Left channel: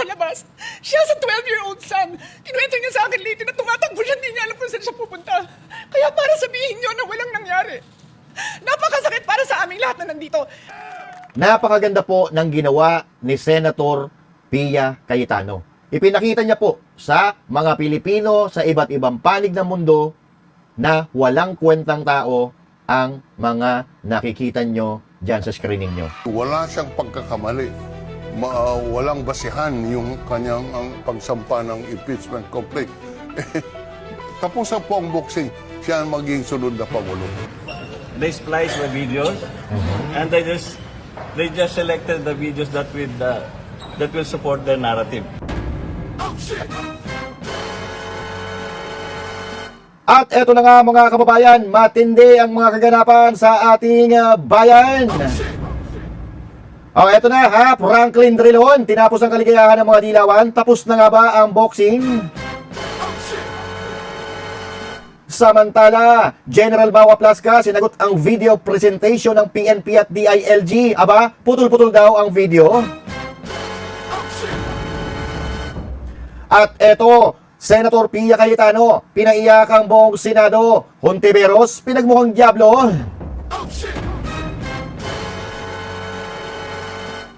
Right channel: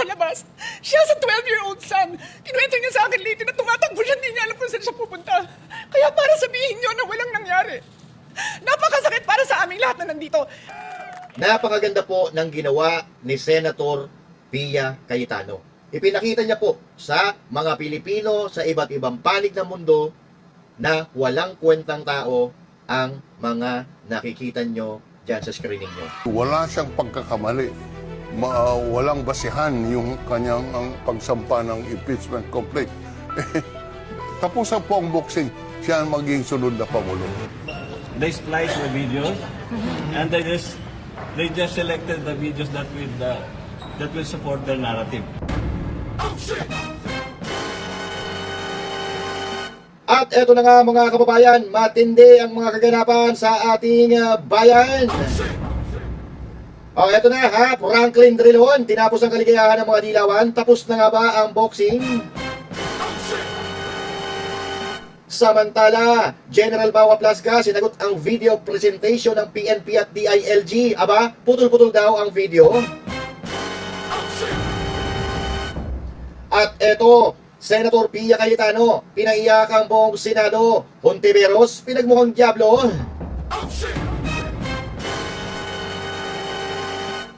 sa labas. Siya sa 12-year-old son. Kinuwento niya sa akin late na tumatakbo siya, hindi niya alam kung saan siya pupunta. Kaya para sabihin niyo na walang nangyari. Napakasakit para sa aming lahat na nandito. Napakaganda po ng ginawa ni Senator Pia Cayetano. Ipinakita niya po sa mga Pilipino sa iba't ibang panig ng mundo na walang kwentang tao ang mga nakikita nyo dyan sa screen ninyo. Wala siyang pagkakamali. Walang basihan yung kanyang ang pagsampa ng impeachment complaint. Tapusan po ang boxing. Siya ang maging sunod na Pangulo. They splice the videos and they just selected the videos that will support their narrative. At eto na nga mga kababayan, matindi ang mga kaganapan sa ating bayan. Eto na ha, Franklin Drilon, tinapos ang kaligayahan ng mga dilawan. Tapos na nga ba ang boxing? Samantala, General Bawa Plasca sinagot ang video presentation ng PNP at DILG. Aba, putol-putol daw ang video. At eto, Senator Pia Cayetano, pinaiyak ang buong Senado. Hontiveros, pinagmukhang diablo.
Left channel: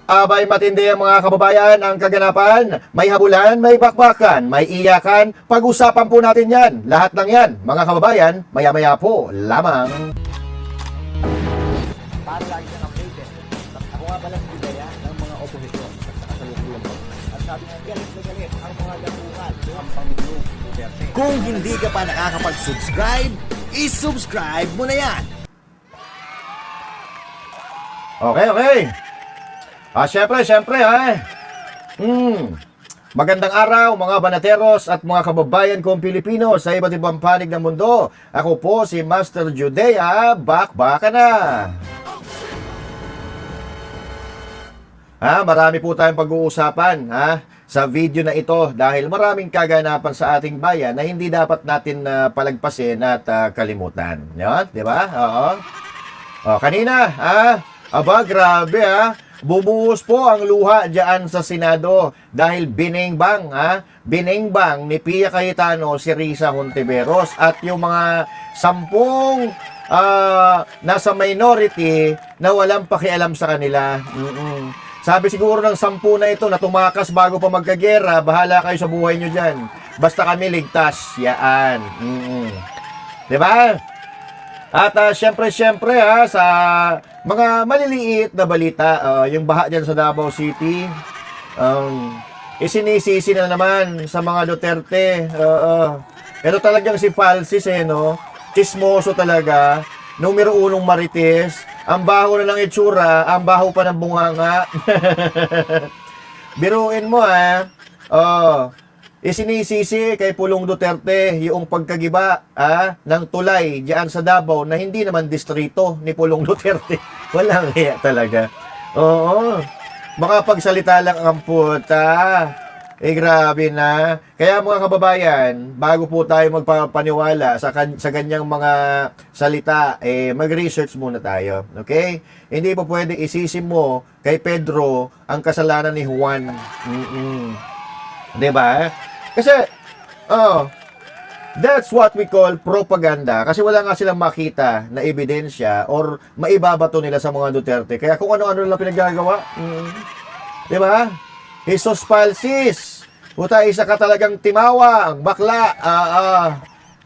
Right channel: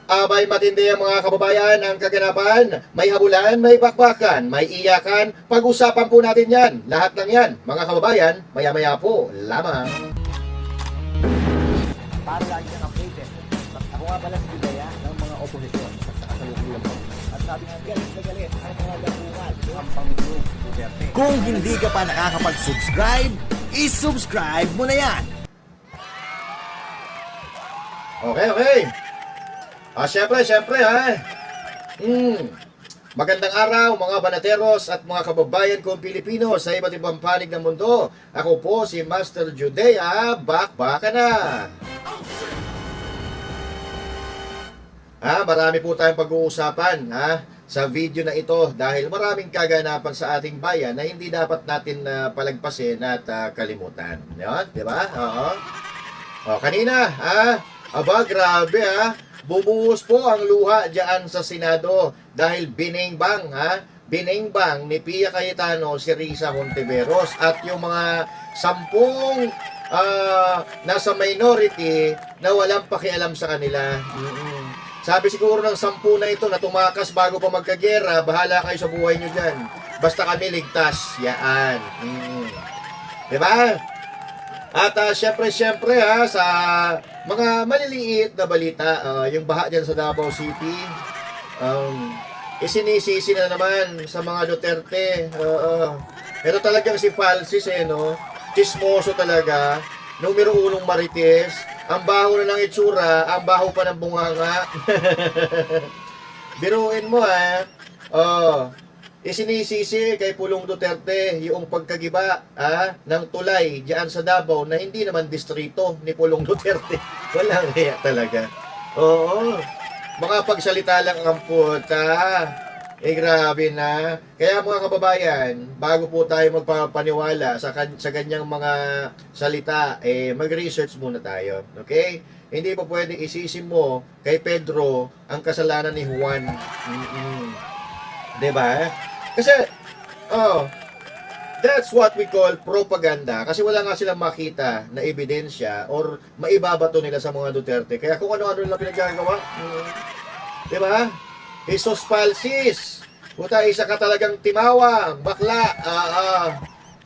Abay matindi ang mga kababayan ang kaganapan. May habulan, may bakbakan, may iyakan. Pag-usapan po natin yan. Lahat ng yan, mga kababayan, maya-maya po lamang. Para lagi kang updated. Ako nga pala si Bidaya ng mga oposisyon sa kasalukuyan po. At sabi nga, galit na galit ang mga dapungan ng Pangulong Duterte. Kung hindi ka pa nakakapag-subscribe, isubscribe mo na yan! Okay. Siyempre ha. Magandang araw mga banateros at mga kababayan kong Pilipino sa iba't ibang panig ng mundo. Ako po si Master Judea, bakbaka na. Marami po tayong pag-uusapan sa video na ito dahil maraming kaganapan sa ating bayan na hindi dapat natin palagpasin at kalimutan. Yan, di ba? Kanina, grabe bumuhos po ang luha diyan sa Senado dahil biningbang ni Pia Cayetano si Risa Hontiveros at yung mga 10 nasa minority na walang pakialam sa kanila. Sabi siguro ng 10 na ito na tumakas bago pa magkagera, bahala kayo sa buhay nyo dyan. Basta kami ligtas. Yaan. Diba? At syempre sa mga maliliit na balita, yung baha dyan sa Davao City, isinisisi na naman sa mga Duterte. Pero talagang si Falsis no? Chismoso talaga. Numero 1 marites. Ang baho na ng itsura, ang baho pa ng bunganga. Biruin mo isinisisi kay Pulong Duterte yung pagkagiba ng tulay diyan sa Davao na hindi naman distrito ni Pulong Duterte. Walang hiya talaga. Makapagsalita lang ang puta. Grabe na. Kaya mga kababayan, bago po tayo magpapaniwala sa ganyang mga salita, mag-research muna tayo. Okay? Hindi po pwede isisi mo kay Pedro ang kasalanan ni Juan. Diba? Kasi, that's what we call propaganda. Kasi wala nga silang makita na ebidensya or maibabato nila sa mga Duterte. Kaya kung ano-ano lang pinagagawa. Diba? Jesus Falsis. Puta, isa ka talagang timawang, bakla.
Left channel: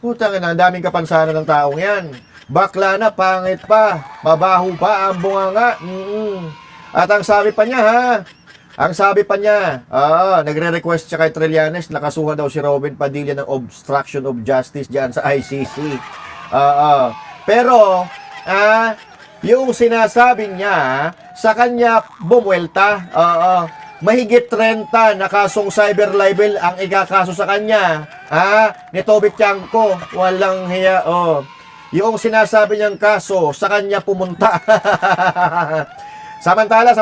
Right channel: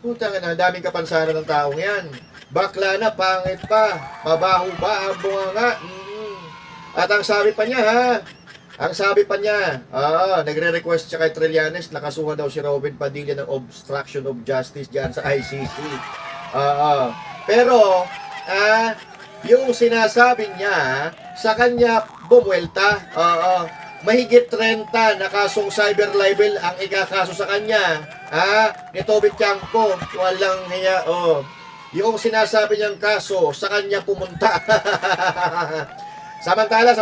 Puta nga na, ang daming kapansanan ng taong yan. Bakla na, pangit pa. Mabaho pa ang bunganga. At ang sabi pa niya, nagre-request siya kay Trillanes, nakasuhan daw si Robin Padilla ng obstruction of justice dyan sa ICC. Pero, yung sinasabi niya, sa kanya bumuelta. Mahigit 30 na kasong cyber libel ang ikakaso sa kanya. Ni Toby Tiangco, walang hiya. Yung sinasabi niyang kaso, sa kanya pumunta. Samantala,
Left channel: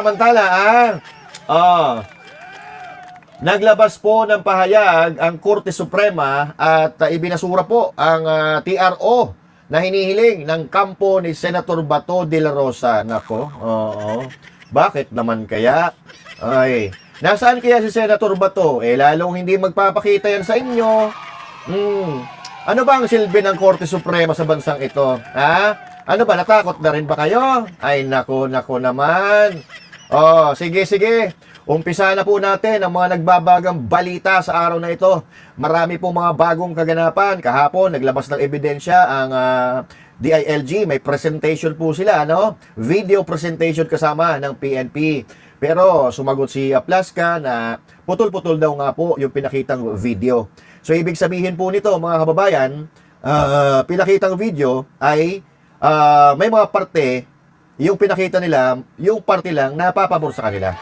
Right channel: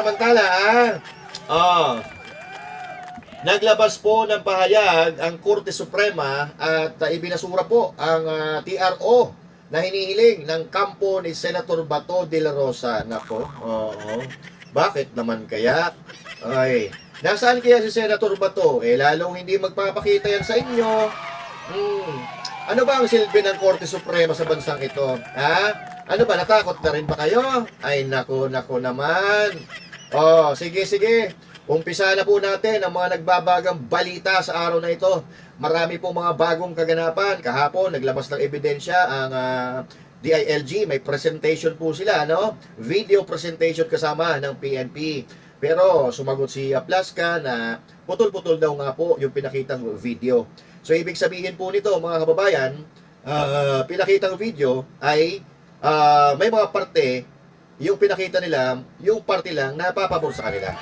naglabas po ng pahayag ang Korte Suprema at ibinasura po ang TRO na hinihiling ng kampo ni Senator Bato de la Rosa. Nako, bakit naman kaya? Nasaan kaya si Senator Bato? Lalong hindi magpapakita yan sa inyo. Ano ba ang silbi ng Korte Suprema sa bansang ito? Ha? Ano ba, natakot na rin ba kayo? Ay, nako naman. Sige. Umpisa na po natin ang mga nagbabagang balita sa araw na ito. Marami po mga bagong kaganapan. Kahapon, naglabas ng ebidensya ang DILG. May presentation po sila, Video presentation kasama ng PNP. Pero sumagot si Aplaska na putol-putol daw nga po yung pinakitang video. So, ibig sabihin po nito, mga kababayan, pinakitang video ay may mga parte, yung pinakita nila, yung parte lang napapabor sa kanila.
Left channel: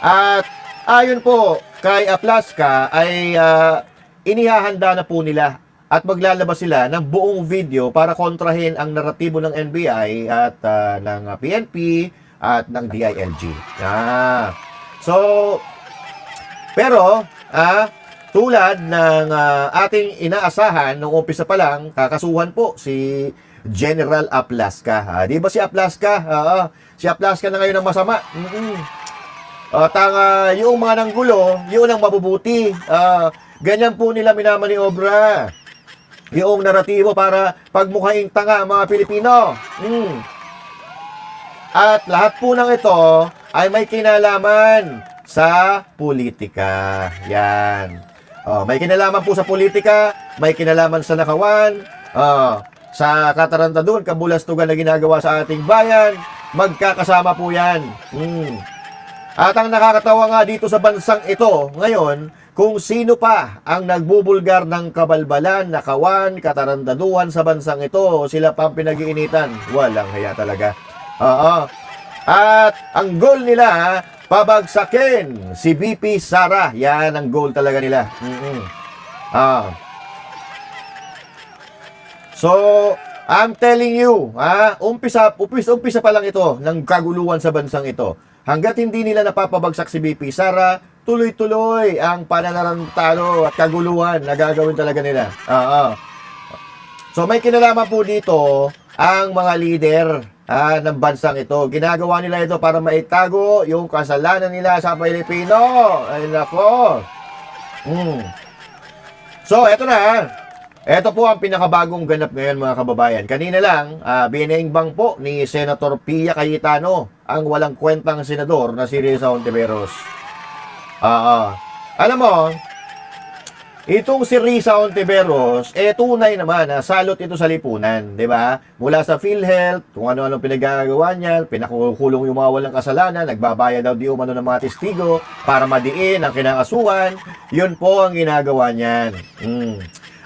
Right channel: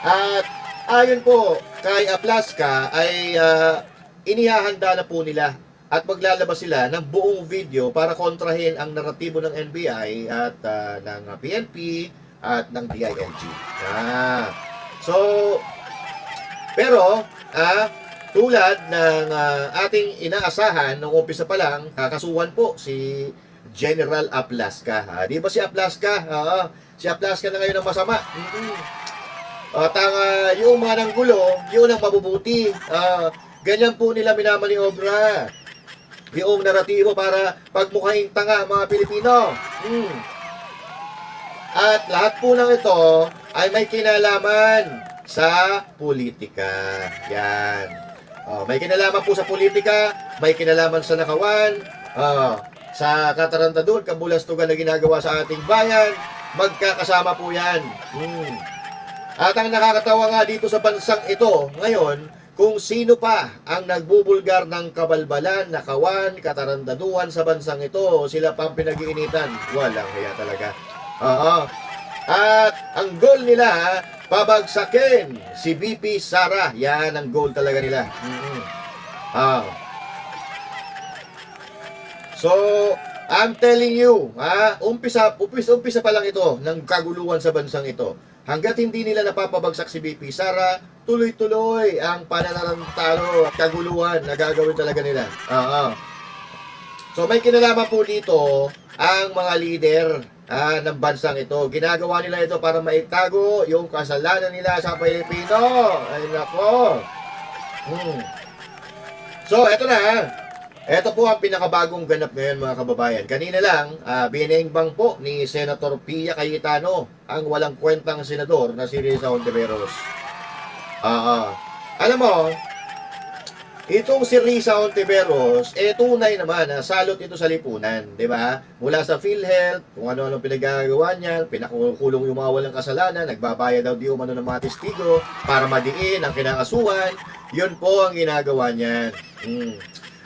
At ayon po kay Aplaska ay inihahanda na po nila at maglalabas sila ng buong video para kontrahin ang naratibo ng NBI at ng PNP at ng DILG. Pero tulad ng ating inaasahan nung umpisa pa lang, kakasuhan po si General Aplaska. Di ba si Aplaska? Si Aplaska na ngayon ang masama. At yung mga nanggulo, yun ang mabubuti. Ganyan po nila minamaniobra yung naratibo para pagmukhaing tanga ang mga Pilipino. At lahat po ng ito ay may kinalaman sa politika. Yan. May kinalaman po sa politika, may kinalaman sa nakawan, sa katarantaduhan, kabulastugan na ginagawa sa ating bayan, magkakasama po yan. At ang nakakatawa nga dito sa bansang ito ngayon, kung sino pa ang nagbubulgar ng kabalbalan, nakawan, katarantaduhan sa bansang ito, sila pa ang pinag-iinitan. Walang hiya talaga. At ang goal nila, pabagsakin si VP Sara. Yan ang goal talaga nila. So, I'm telling you, umpisa pa lang ito ng kaguluhan sa bansang ito. Hanggat hindi nila napapabagsak si VP Sara, tuloy-tuloy ang pananarantalo at kaguluhan na gagawin talaga nila. So may kinalaman po dito ang mga leader ng bansang ito. Ginagawa nila ito para maitago yung kasalanan nila sa Pilipino. Ay nako. So eto na. Ito po ang pinakabagong ganap ngayon, mga kababayan. Kanina lang, binengbang po ni Senator Pia Cayetano ang walang kwentang senador na si Risa Hontiveros. Alam mo, itong si Risa Hontiveros, tunay naman na salot ito sa lipunan, di ba? Mula sa PhilHealth, kung ano-anong pinagagawa niyan, pinakukulong yung mga walang kasalanan, nagbabayad daw di umano ng mga testigo para madiin ang kinangasuhan, yun po ang ginagawa niyan.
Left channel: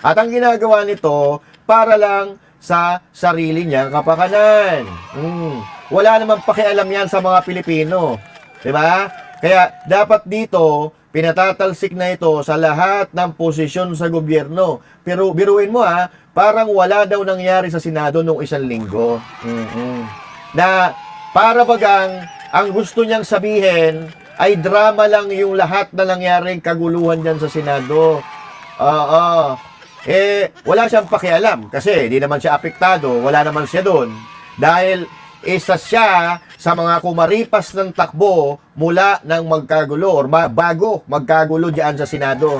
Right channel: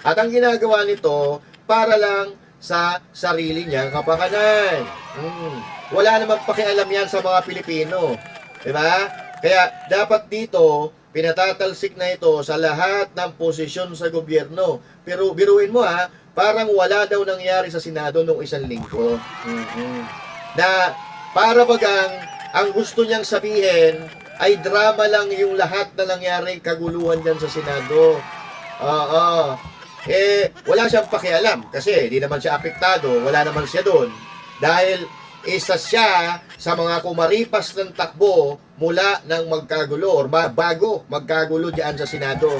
At ang ginagawa nito, para lang sa sarili niyang kapakanan. Wala namang pakialam yan sa mga Pilipino. Diba? Kaya dapat dito, pinatatalsik na ito sa lahat ng posisyon sa gobyerno. Pero biruin mo parang wala daw nangyari sa Senado nung 1 linggo. Na para bagang ang gusto niyang sabihin ay drama lang yung lahat na nangyaring kaguluhan dyan sa Senado. Wala siyang pakialam kasi di naman siya apektado, wala naman siya doon. Dahil isa siya sa mga kumaripas ng takbo mula ng magkagulo or bago magkagulo diyan sa Senado.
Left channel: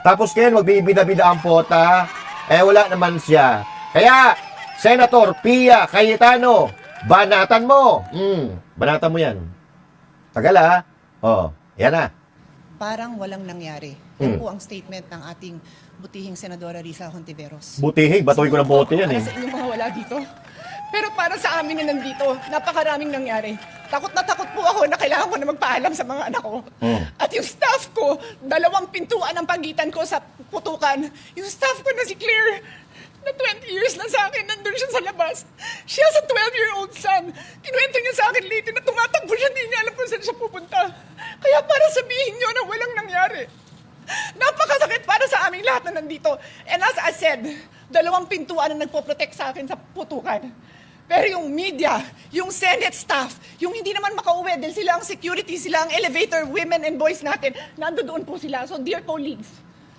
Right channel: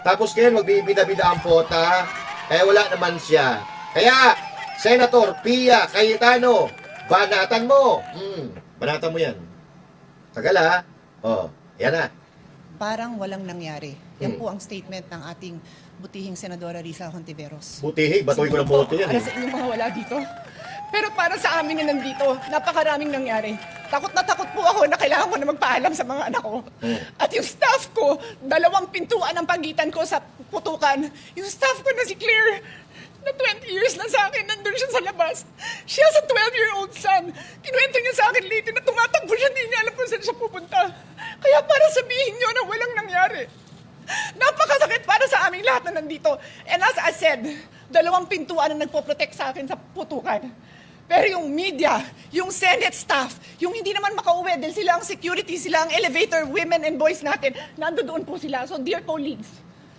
Tapos ngayon magbibida-bida ang pota, wala naman siya. Kaya, Senator Pia Cayetano, banatan mo. Banatan mo yan. Tagal yan na. Parang walang nangyari. Yan po ang statement ng ating butihing Senadora Risa Hontiveros. Butihing, batoy ko ng bote yan Para sa inyong mga wala dito. Pero para sa amin na nandito, napakaraming nangyari. Takot na takot po ako na kailangan ko na magpaalam sa mga anak ko. At yung staff ko, 2 pintuan ang pagitan ko sa putukan. Yung staff ko na si Claire, na 20 years na sa akin, nandun siya sa labas. She has a 12-year-old son. Kinuwento niya sa akin late na tumatakbo siya, hindi niya alam kung saan siya pupunta. Kaya para sabihin niyo na walang nangyari. Napakasakit para sa aming lahat na nandito. And as I said, 2 pintuan ang nagpo-protect sa akin sa putukan. Pero yung media, yung Senate staff, yung hindi naman makauwi dahil sila ang security, sila ang elevator women and boys natin, nandoon po sila. So dear colleagues,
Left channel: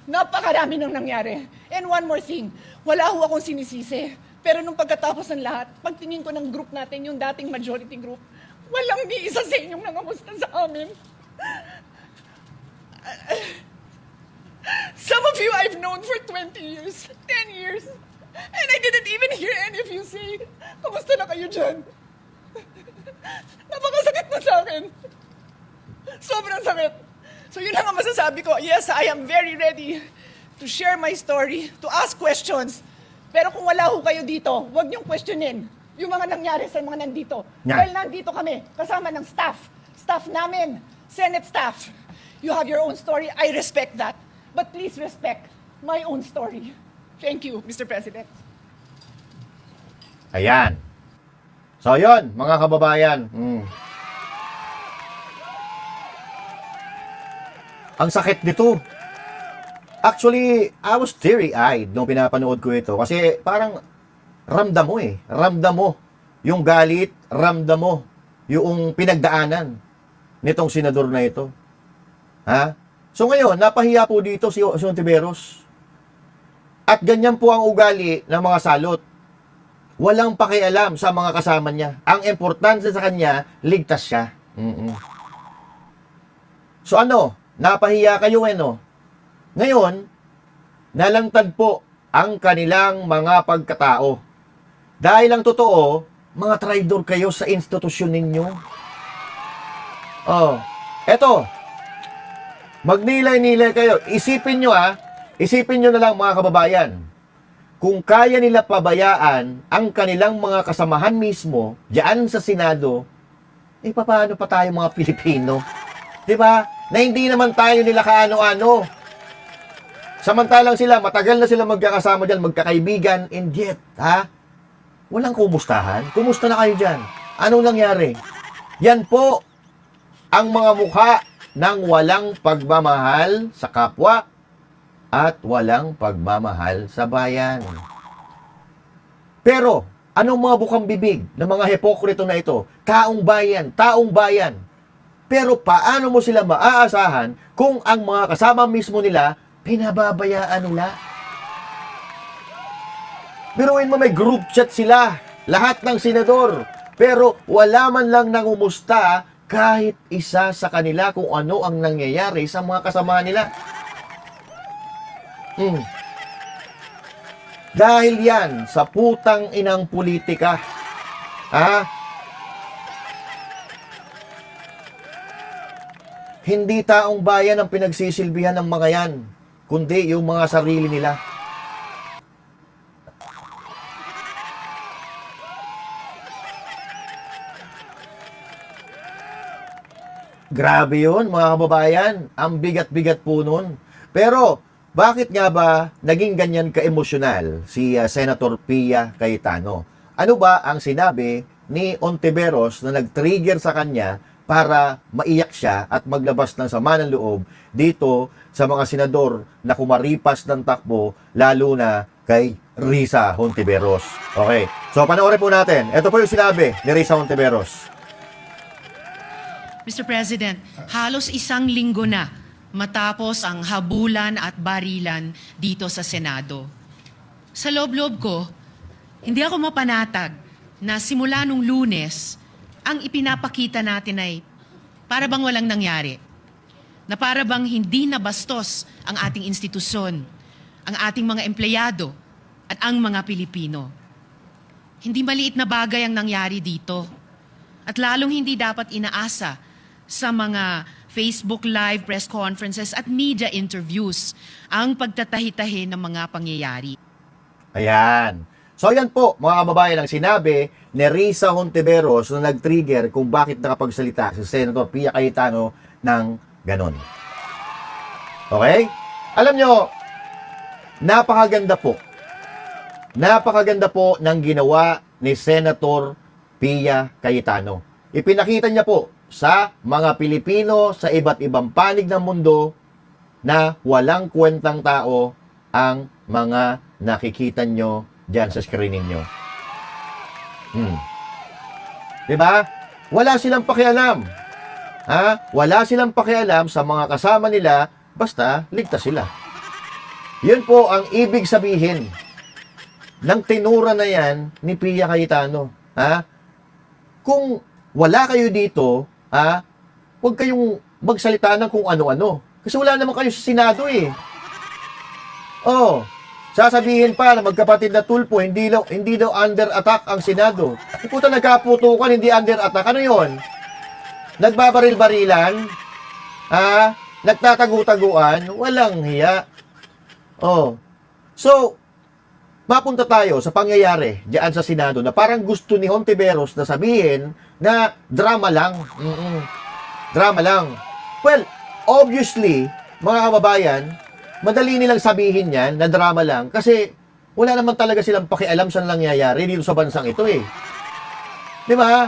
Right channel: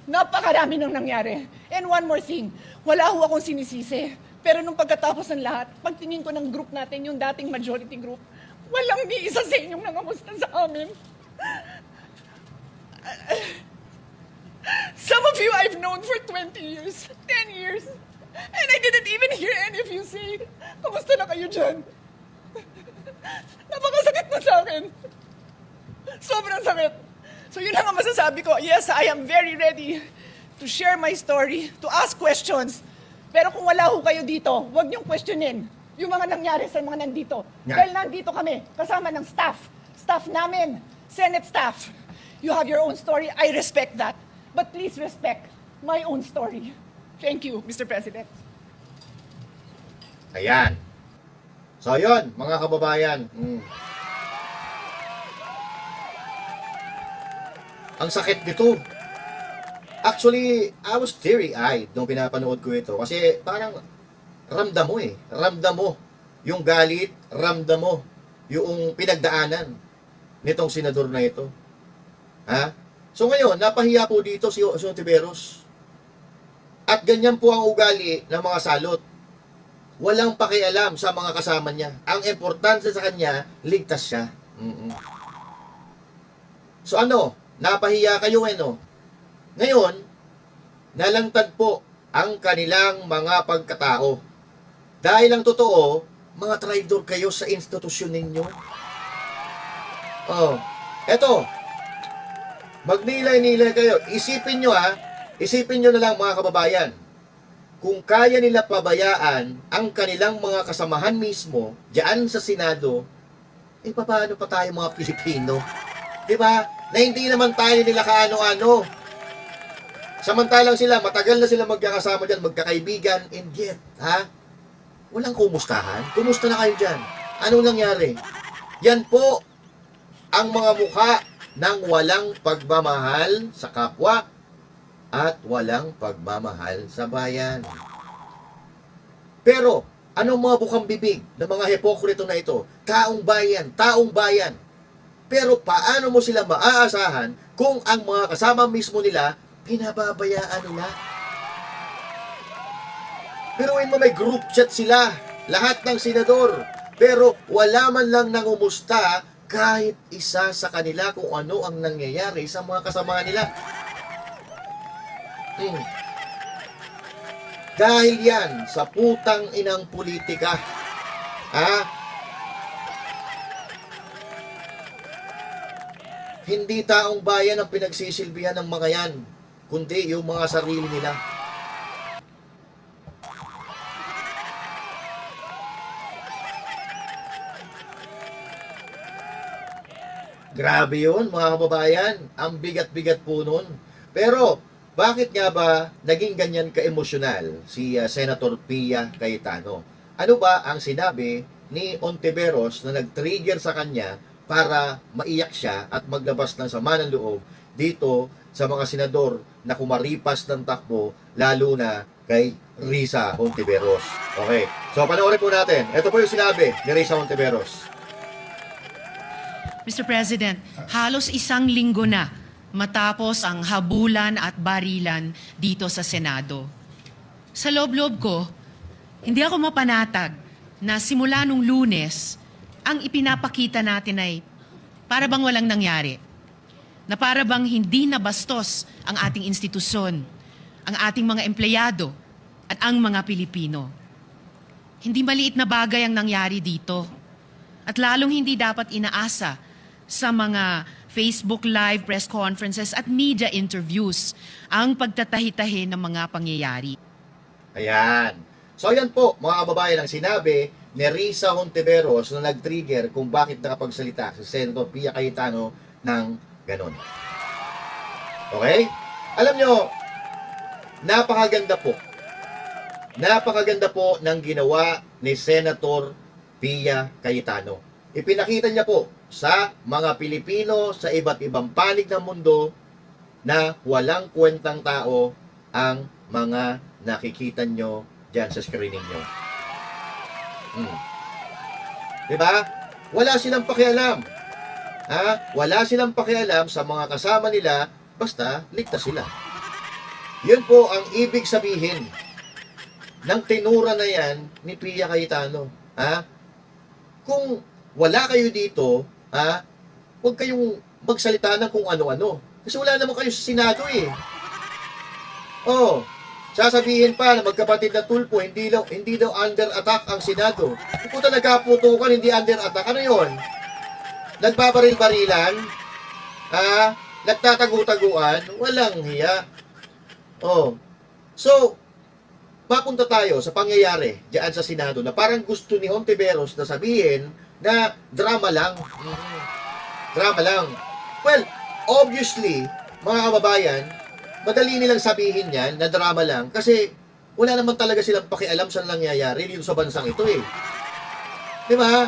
napakarami nang nangyari. And one more thing, wala ho akong sinisisi. Pero nung pagkatapos ng lahat, pagtingin ko ng group natin, yung dating majority group, Walang ni isa sa inyong nangamusta sa amin. Some of you I've known for 20 years, 10 years, and I didn't even hear any of you say, kamusta na kayo dyan? Napakasakit na sa akin. Sobrang sakit. So yun lang ang masasabi ko. Yes, I am very ready to share my story, to ask questions. Pero kung wala ho kayo dito, huwag niyong questionin yung mga nangyari sa mga nandito. Yeah. Dahil nandito kami, kasama ng staff namin, Senate staff. You have your own story, I respect that. But please respect my own story. Thank you, Mr. President. Ayan. So, yun, mga kababayan. Ang sakit nito. Actually, I was teary-eyed nung pinapanood ko ito. Kasi parang ramdam mo eh. Ramdam mo yung galit, ramdam mo yung pinagdaanan nitong senador na ito. Ha? So ngayon, napahiya po dito si Hontiveros. At ganyan po ang ugali ng mga salot. Walang pakialam sa mga kasama niya. Ang importante sa kanya, ligtas siya. So ano, napahiya kayo no? Ngayon, nalantad po ang kanilang mga pagkatao. Dahil ang totoo, mga traidor kayo sa institusyon ninyo. Oh, eto, magnilay-nilay kayo. Isipin nyo na lang mga kababayan. Kung kaya nila pabayaan ang kanilang mga kasamahan mismo diyan sa Senado, eh paano pa tayo mga Pilipino? Diba? Na hindi naman tayo nila kaano-ano. Samantalang sila, matagal na sila magkakasama dyan, magkakaibigan, and yet, walang kumustahan. Kumusta na kayo dyan? Anong nangyari? Yan po ang mga mukha ng walang pagmamahal sa kapwa at walang pagmamahal sa bayan. Pero, anong mga bukang bibig ng mga hepokrito na ito? Taong bayan. Pero paano mo sila maaasahan kung ang mga kasama mismo nila, pinababayaan nila? Biruin mo, may group chat sila, lahat ng senador. Pero wala man lang nangumusta kahit isa sa kanila kung ano ang nangyayari sa mga kasama nila. Dahil yan sa putang inang politika. Hindi taong bayan ang pinagsisilbihan ng mga yan, kundi yung mga sarili nila. Grabe yun, mga kababayan. Ang bigat-bigat po nun. Pero, bakit nga ba naging ganyan ka-emosyonal si Senator Pia Cayetano? Ano ba ang sinabi ni Hontiveros na nag-trigger sa kanya para maiyak siya at maglabas ng sama ng loob dito sa mga senador na kumaripas ng takbo, lalo na kay Risa Hontiveros? Okay, so panoorin po natin. Ito po yung sinabi ni Risa Hontiveros. Mr. President, halos isang linggo na matapos ang habulan at barilan dito sa Senado. Sa loob-loob ko, hindi ako mapanatag na simula nung Lunes, ang ipinapakita natin ay para bang walang nangyari. Na para bang hindi nabastos ang ating institusyon, ang ating mga empleyado at ang mga Pilipino. Hindi maliit na bagay ang nangyari dito. At lalong hindi dapat inaasa sa mga Facebook Live, press conferences at media interviews ang pagtatahi-tahi ng mga pangyayari. Ayan. So yan po, mga kababayan, ang sinabi ni Risa Hontiveros na nag-trigger kung bakit nakapagsalita si Senator Pia Cayetano ng ganon. Okay? Alam nyo, napakaganda po ng ginawa ni Senator Pia Cayetano. Ipinakita niya po sa mga Pilipino sa iba't ibang panig ng mundo na walang kwentang tao ang mga nakikita nyo dyan sa screen ninyo. Diba? Wala silang pakialam. Wala silang pakialam sa mga kasama nila, basta ligtas sila. Yun po ang ibig sabihin ng tinura na yan ni Pia Cayetano. Kung wala kayo dito, huwag kayong magsalita ng kung ano-ano. Kasi wala naman kayo sa Senado eh. Oh, sasabihin pa na magkapatid na Tulfo, hindi daw under attack ang Senado. Puta, nagkaputukan, hindi under attack. Ano yon? Nagbabaril-barilan? Nagtatagu-taguan? Walang hiya. Oh. So, mapunta tayo sa pangyayari diyan sa Senado na parang gusto ni Hontiveros na sabihin na drama lang. Drama lang. Well, obviously, mga kababayan, madali nilang sabihin yan na drama lang kasi wala naman talaga silang pakialam sa nangyayari dito sa bansang ito eh. Di ba?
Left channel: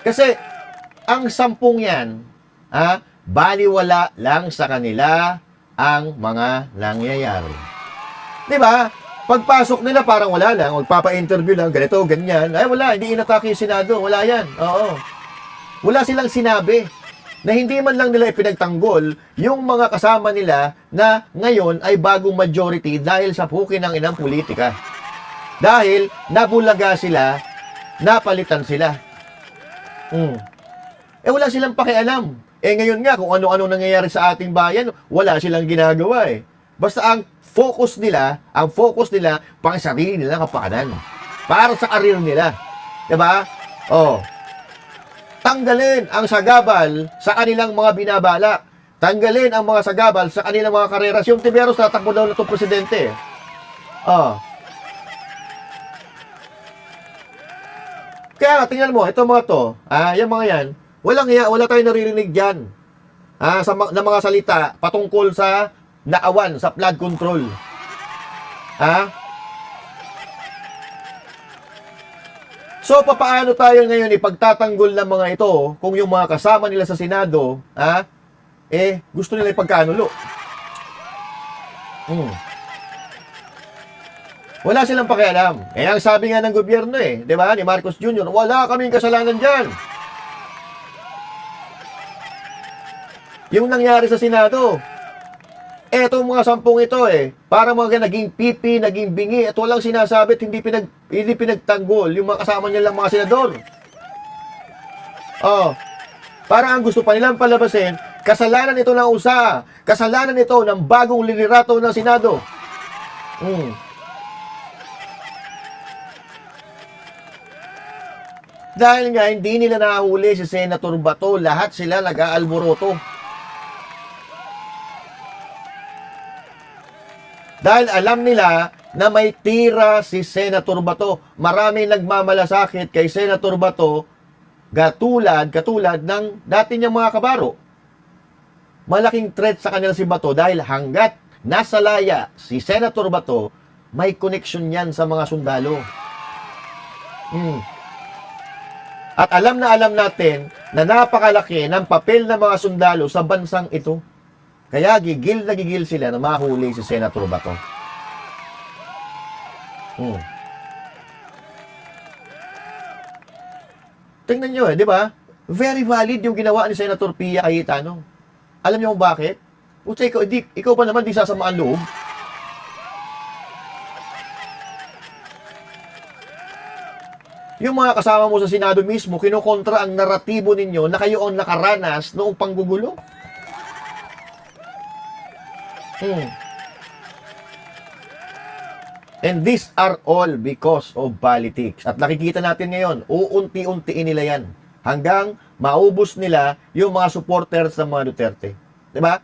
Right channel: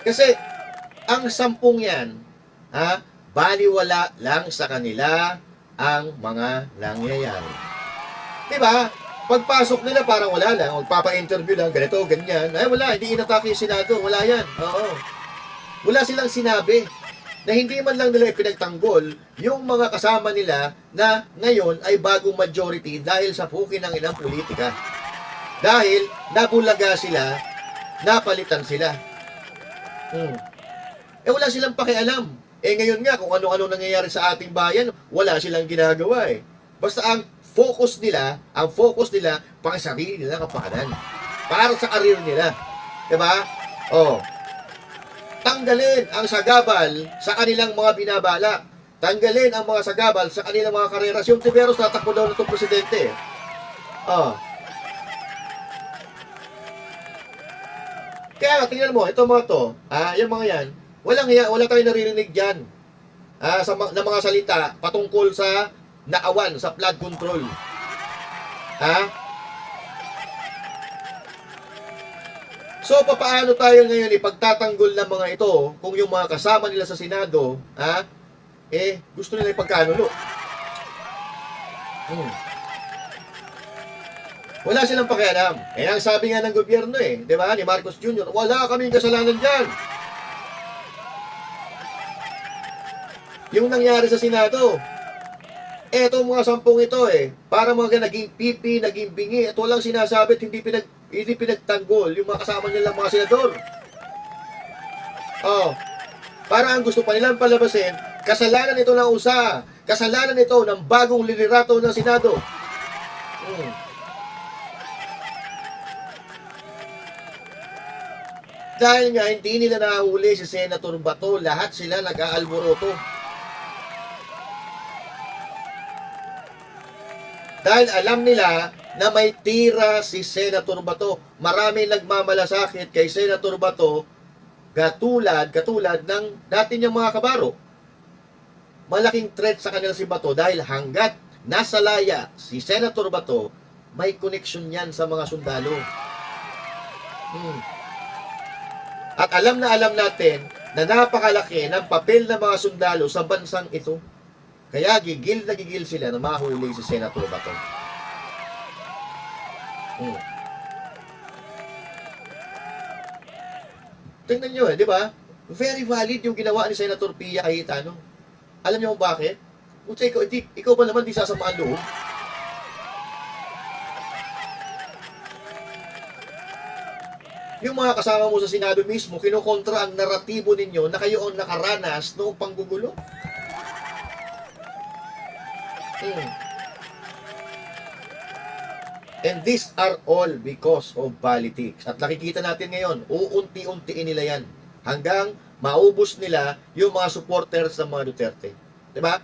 Kasi, ang 10 yan, baliwala lang sa kanila ang mga nangyayari. Di ba? Pagpasok nila parang wala lang, magpapa-interview lang, ganito, ganyan. Ay wala, hindi inatake yung Senado, wala yan. Oo. Wala silang sinabi na hindi man lang nila ipinagtanggol yung mga kasama nila na ngayon ay bagong majority dahil sa pukin ng inang politika. Dahil nabulaga sila, napalitan sila. Wala silang pakialam. Ngayon nga, kung ano-ano nangyayari sa ating bayan, wala silang ginagawa eh. Basta ang focus nila, pang sarili nila kapakanan. Para sa karir nila. Diba? Oh. Tanggalin ang sagabal sa kanilang mga binabalak. Tanggalin ang mga sagabal sa kanilang mga karera. Si Hontiveros tatakbo daw na itong presidente. Oh. Kaya tingnan mo, ito mga to, yung mga yan, wala tayong naririnig dyan. Na mga salita patungkol sa naawan, sa flood control. So, papaano tayo ngayon ipagtatanggol ng mga ito kung yung mga kasama nila sa Senado, gusto nila ipagkanulo? Wala silang pakialam. Ang sabi nga ng gobyerno di ba, ni Marcos Jr., wala kaming kasalanan dyan. Yung nangyari sa Senado, etong mga 10 ito para mga naging pipi, naging bingi, at walang sinasabi at hindi pinagtanggol yung mga kasama nilang mga senador. Para ang gusto pa nilang palabasin, kasalanan ito ng USA, kasalanan ito ng bagong liderato ng Senado. Dahil nga hindi nila nahuli si Senator Bato, lahat sila nag-aalboroto. Dahil alam nila na may tira si Senator Bato. Marami nagmamalasakit kay Senator Bato katulad ng dati niyang mga kabaro. Malaking threat sa kanila si Bato dahil hanggat nasa laya si Senator Bato, may connection yan sa mga sundalo. At alam natin na napakalaki ng papel ng mga sundalo sa bansang ito. Kaya gigil na gigil sila na mahuli si Senator Bato. Tingnan nyo di ba? Very valid yung ginawa ni Senator Pia Cayetano. Alam niyo kung bakit? Puta, ikaw pa naman di sasamaan loob. Yung mga kasama mo sa Senado mismo, kinukontra ang naratibo ninyo na kayo ang nakaranas noong panggugulo. And these are all because of politics. At nakikita natin ngayon, uunti-untiin nila yan. Hanggang maubos nila yung mga supporters ng mga Duterte. Diba?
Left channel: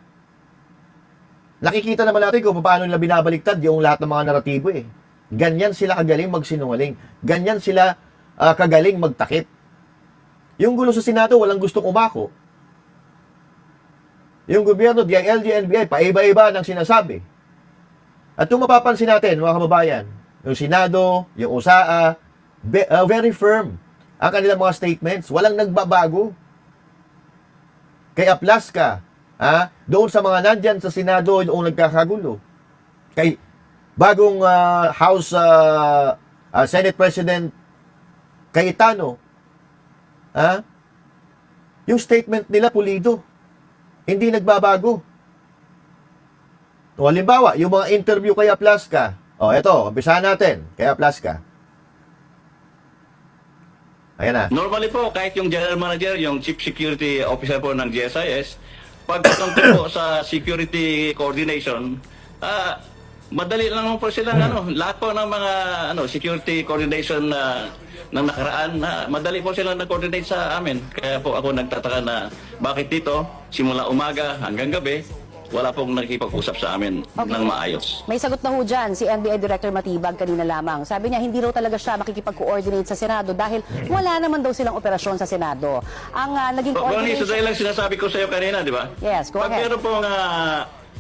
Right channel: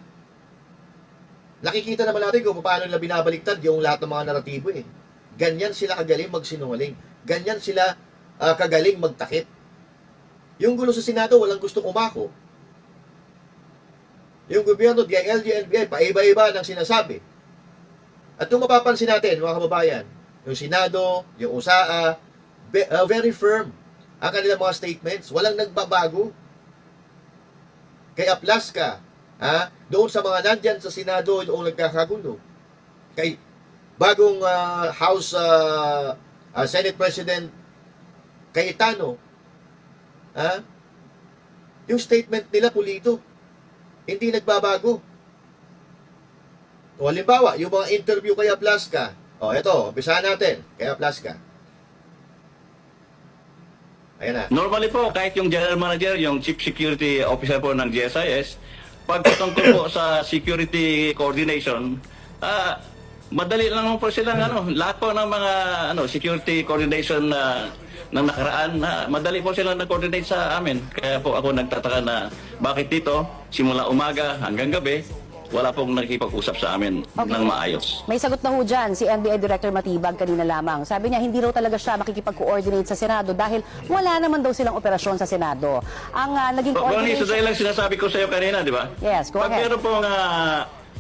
Nakikita naman natin kung paano nila binabaliktad yung lahat ng mga naratibo Ganyan sila kagaling magsinungaling. Ganyan sila kagaling magtakip. Yung gulo sa Senado, walang gustong umako. Yung gobyerno, DILG, NBI, paiba-iba ng sinasabi. At yung mapapansin natin, mga kababayan, yung Senado, yung USAA, very firm ang kanilang mga statements. Walang nagbabago. Kay Aplaska, doon sa mga nandyan sa Senado, yung nagkakagulo. Kay bagong House Senate President Cayetano, yung statement nila pulido. Hindi nagbabago. O halimbawa, yung mga interview kay Aplaska. Eto, umpisahan natin kay Aplaska. Ayan na. Normally po, kahit yung general manager, yung chief security officer po ng GSIS, pag patungkol po sa security coordination, madali lang naman po silang lahat po ng mga security coordination ng nakaraan, madali po silang nag-coordinate sa amin. Kaya po ako nagtataka na bakit dito, simula umaga hanggang gabi, wala pong nakikipag-usap sa amin ng maayos. May sagot na ho dyan si NBI Director Matibag kanina lamang. Sabi niya hindi raw talaga siya makikipag-coordinate sa Senado dahil wala naman daw silang operasyon sa Senado. Ang naging Ronnie, coordination... so dahil lang sinasabi ko sa iyo kanina, di ba? Yes, go Pag ahead. meron pong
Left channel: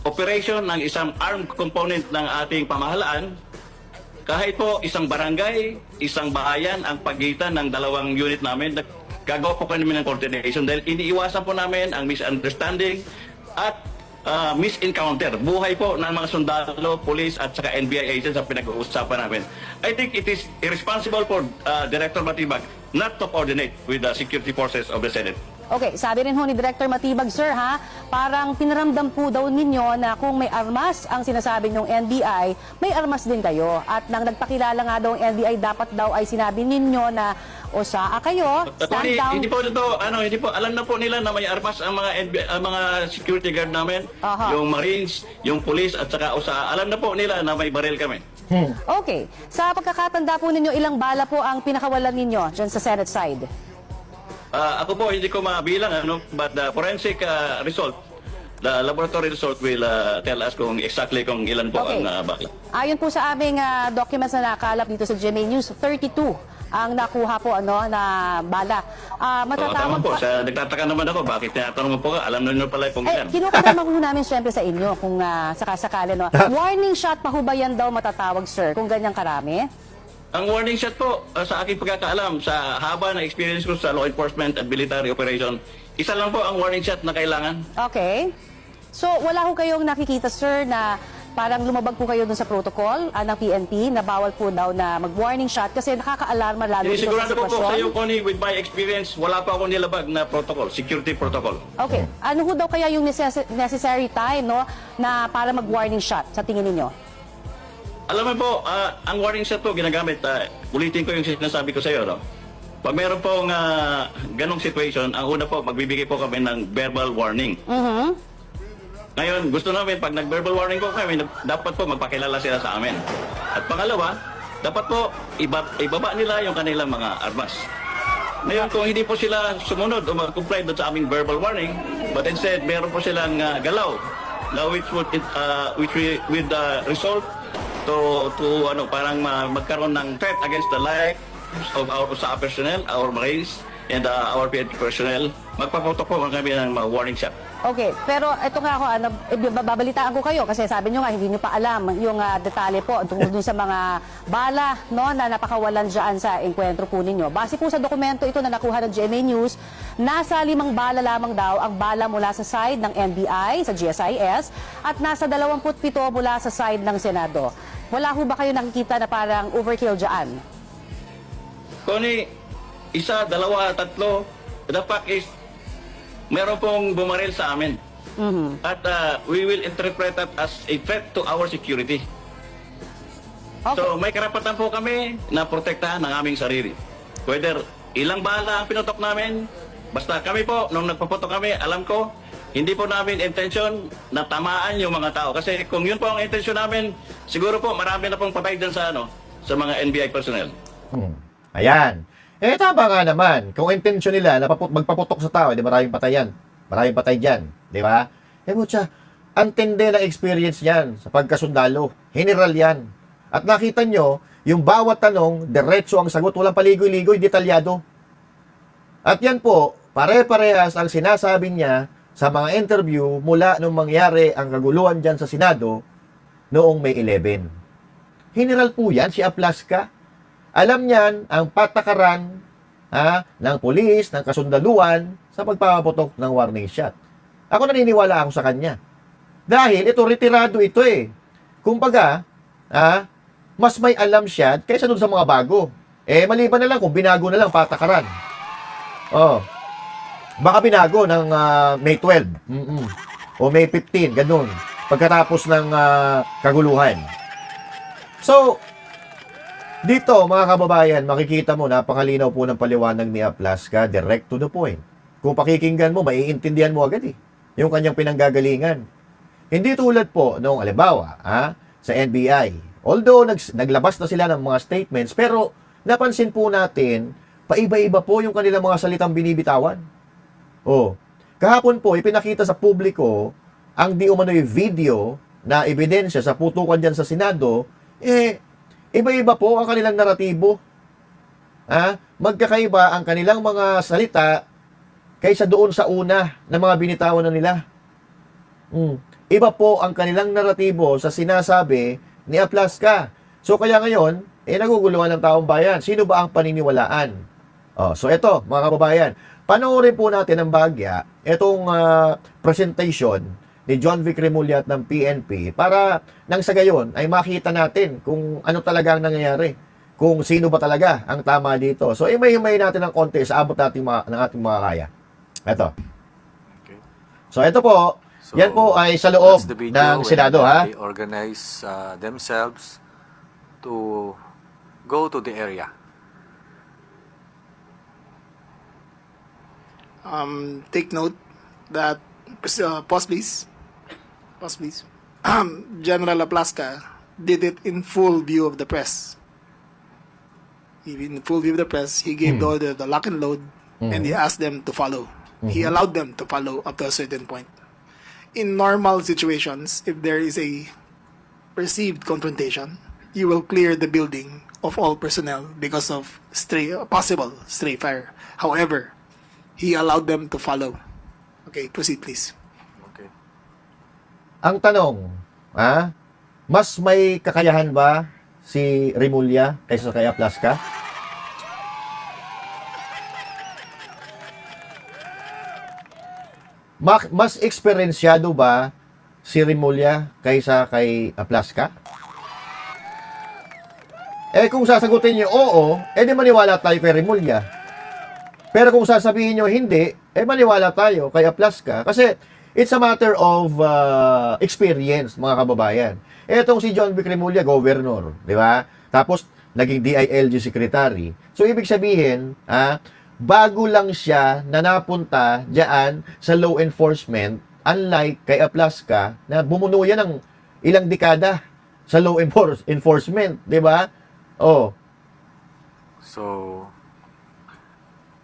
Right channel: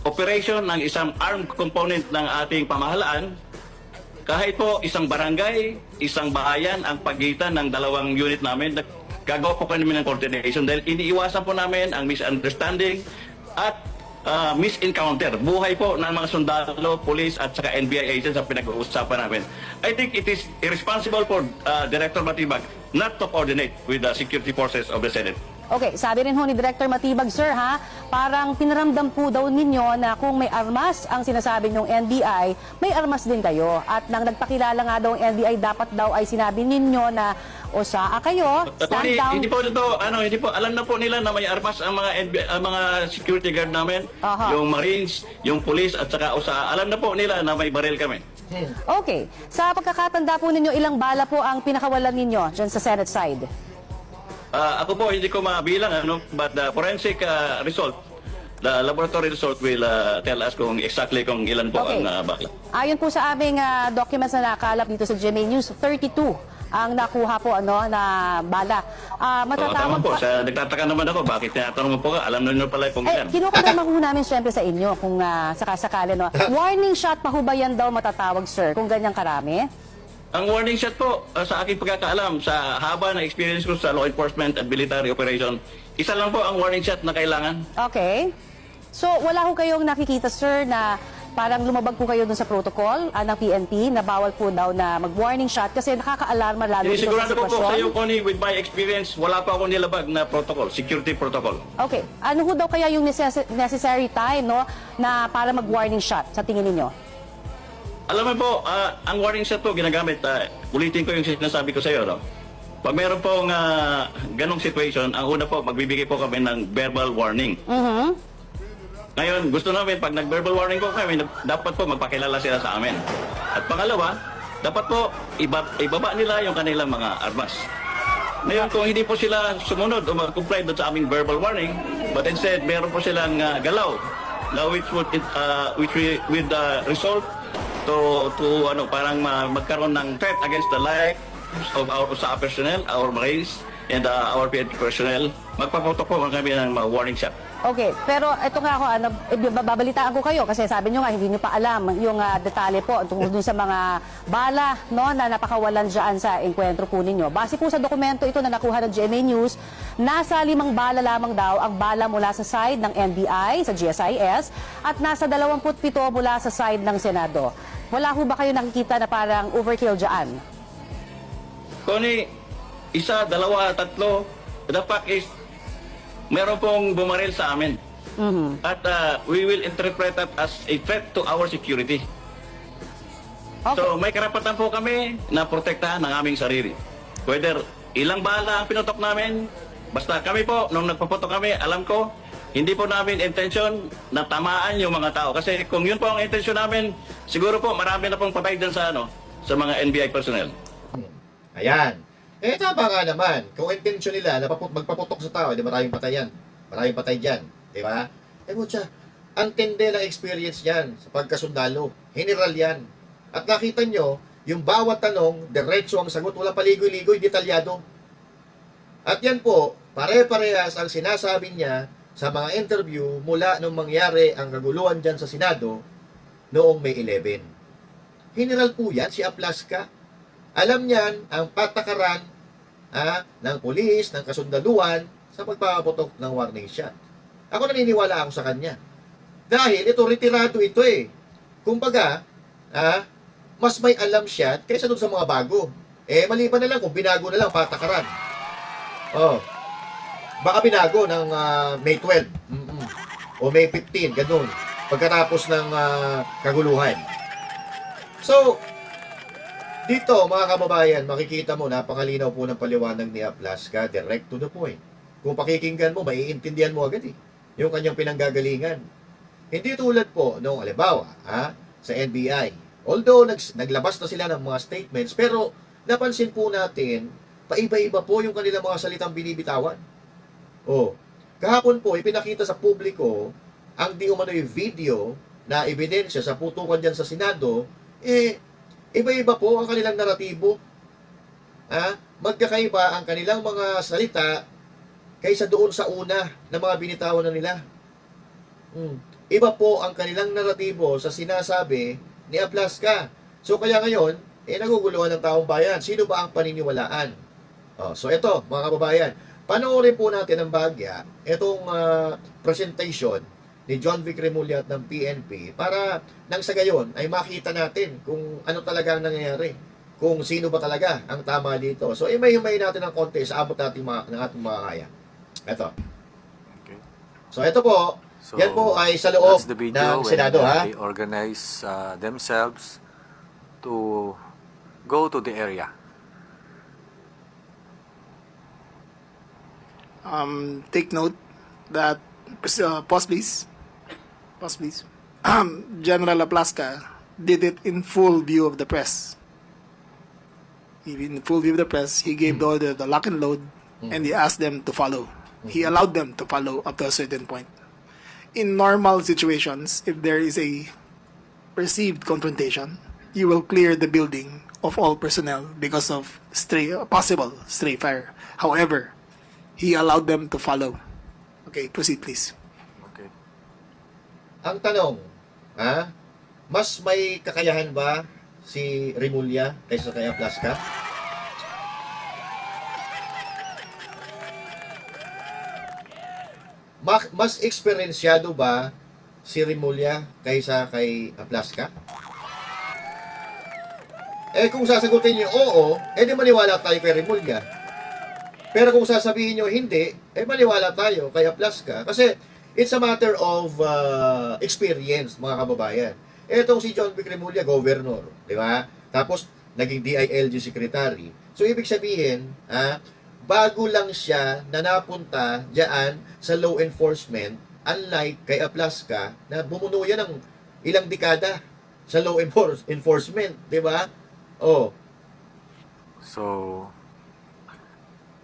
operation ng isang armed component ng ating pamahalaan, kahit po isang barangay, isang bahayan ang pagitan ng dalawang unit namin, gagawa po kami ng coordination dahil iniiwasan po namin ang misunderstanding at misencounter. Buhay po ng mga sundalo, police at saka NBI agents ang pinag-uusapan namin. I think it is irresponsible for Director Matibag not to coordinate with the security forces of the Senate. Okay, sabi rin ho ni Director Matibag, sir ha, parang pinaramdam po daw ninyo na kung may armas ang sinasabi ng NBI, may armas din kayo. At nang nagpakilala nga daw ang NBI, dapat daw ay sinabi ninyo na o saa kayo, stand down. Hindi po ito, hindi po, alam na po nila na may armas ang mga ang mga security guard namin, Aha. yung Marines, yung police at saka OSA. Alam na po nila na may baril kami. Okay, sa pagkakatanda po ninyo, ilang bala po ang pinakawalan ninyo dyan sa Senate side? Ako po hindi ko mabilang but the forensic result, the laboratory result will tell us kung exactly kung ilan po Okay. ang bala. Ayon po sa aming documents na nakalap dito sa GMA News, 32 ang nakuha po na bala. Tama Matatawag po, pa. nagtataka naman ako bakit tinatanong mo po ka, alam na nyo pala kung ilan. Kinukumpirma po namin siyempre sa inyo kung sakasakali. No? Warning shot pa ho ba yan daw matatawag, sir, kung ganyang karami? Ang warning shot po, sa aking pagkakaalam, sa haba na experience ko sa law enforcement at military operation, isa lang po ang warning shot na kailangan. Okay. So, wala ho kayong nakikita, sir, na parang lumabag po kayo dun sa protocol ng PNP na bawal po daw na mag-warning shot kasi nakaka-alarma lalo ito sa Sigurado po sa iyo, sitwasyon? Connie, with my experience, wala pa ako nilabag na protocol, security protocol. Okay. Ano ho daw kaya yung necessary time na para mag-warning shot sa tingin ninyo? Alam mo po, ang warning shot po ginagamit, ulitin ko yung sinasabi ko sa iyo, no? Pag meron pong ganong situation, ang una po, magbibigay po kami ng verbal warning. Ngayon, gusto namin, pag nag-verbal warning po kami, dapat po magpakilala sila sa amin. At pangalawa, dapat po, ibaba nila yung kanilang mga armas. Ngayon, kung hindi po sila sumunod o mag-comply doon sa aming verbal warning, but instead, meron po silang galaw, which would result to parang magkaroon ng threat against the life of our USA personnel, our Marines, and our PNP personnel. Magpaputok po kami ng mga warning shot. Okay, pero ito nga ako, babalitaan ko kayo kasi sabi nyo nga hindi nyo pa alam yung detalye po tungkol dun sa mga bala na napakawalan dyan sa enkwentro po ninyo. Base po sa dokumento ito na nakuha ng GMA News, nasa 5 bala lamang daw ang bala mula sa side ng NBI, sa GSIS, at nasa 27 mula sa side ng Senado. Wala ho ba kayo nakikita na parang overkill dyan? Connie, isa, dalawa, tatlo, the fact is, meron pong bumaril sa amin. At we will interpret that as a threat to our security. Okay. So may karapatan po kami na protektahan ng aming sarili. Whether ilang bala ang pinutok namin, basta kami po, nung nagpaputok kami, alam ko, hindi po namin intention na tamaan yung mga tao. Kasi kung yun po ang intention namin, siguro po marami na pong patay dyan sa mga NBI personnel. Ayan. Tama nga naman. Kung intention nila na magpaputok sa tao, di maraming patay yan. Maraming patay dyan. Di ba? Mutya, ang tindi ng experience yan sa pagkasundalo. General yan. At nakita nyo, yung bawat tanong, diretso ang sagot, walang paligoy-ligoy, detalyado. At yan po, pare-parehas ang sinasabi niya sa mga interview mula nung mangyari ang kaguluhan dyan sa Senado noong May 11. General po yan, si Aplaska. Alam niyan ang patakaran ng pulis, ng kasundaluhan sa pagpapaputok ng warning shot. Ako naniniwala ako sa kanya. Dahil ito, retirado ito eh. Kumbaga, mas may alam siya kaysa dun sa mga bago. Maliban na lang kung binago na lang patakaran. Baka binago ng May 12. O May 15, ganun. Pagkatapos ng kaguluhan. So, Dito, mga kababayan, makikita mo, napakalinaw po ng paliwanag ni Aplaska, direct to the point. Kung pakikinggan mo, maiintindihan mo agad yung kanyang pinanggagalingan. Hindi tulad po nung halimbawa, sa NBI. Although naglabas na sila ng mga statements, pero napansin po natin, paiba-iba po yung kanilang mga salitang binibitawan. Kahapon po, ipinakita sa publiko ang di umano'y video na ebidensya sa putukan dyan sa Senado, iba-iba po ang kanilang naratibo. Magkakaiba ang kanilang mga salita kaysa doon sa una na mga binitawan na nila. Iba po ang kanilang naratibo sa sinasabi ni Aplaska. So kaya ngayon, naguguluhan ng taong bayan. Sino ba ang paniniwalaan? So ito, mga kababayan, panoorin po natin ang bahagya, itong presentation ni John Vic Remulla ng PNP para nang sa gayon ay makita natin kung ano talaga ang nangyayari. Kung sino ba talaga ang tama dito. So imay-himay natin ng konti sa abot natin ng ating mga kaya. Ito. Okay. So ito po, yan po ay sa loob that's the video ng Senado, ha? they organize themselves to go to the area. Take note that, pause please. General Aplaska did it in full view of the press. In full view of the press, he gave the order, the lock and load, and he asked them to follow. He allowed them to follow up to a certain point. In normal situations, if there is a perceived confrontation, you will clear the building of all personnel because of possible stray fire. However, he allowed them to follow. Okay, proceed please. Okay. Ang tanong, mas may kakayahan ba si Remulla kaysa kay Aplaska? Mas eksperyensyado ba si Remulla kaysa kay Aplaska? Kung sasagutin niyo oo, di maniwala tayo kay Remulla. Pero kung sasabihin nyo hindi, maniwala tayo kay Aplaska. Kasi it's a matter of experience, mga kababayan. Etong si John Vic Remulla, governor, di ba? Tapos, naging DILG secretary. So, ibig sabihin, bago lang siya na napunta diyan sa law enforcement, unlike kay Aplaska, na bumuno yan ng ilang dekada sa law enforcement, di ba? So,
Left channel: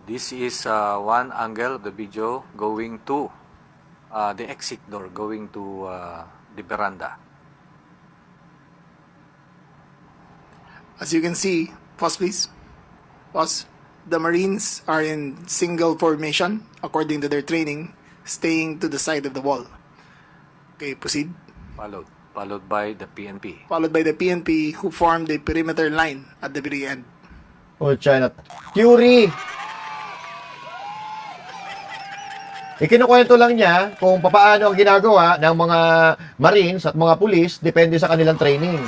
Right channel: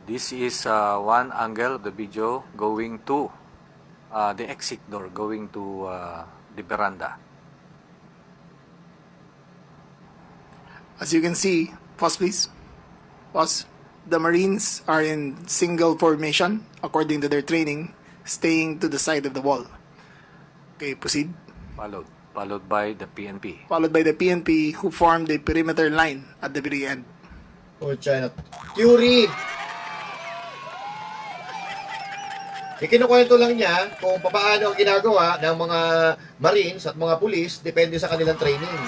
this is one angle of the video going to the exit door, going to the veranda. As you can see, pause please. Pause. The Marines are in single formation according to their training, staying to the side of the wall. Okay, proceed. Followed by the PNP. Followed by the PNP who formed a perimeter line at the very end. China. Theory! Ikinukwento lang niya kung paano ang ginagawa ng mga Marines at mga pulis depende sa kanilang training.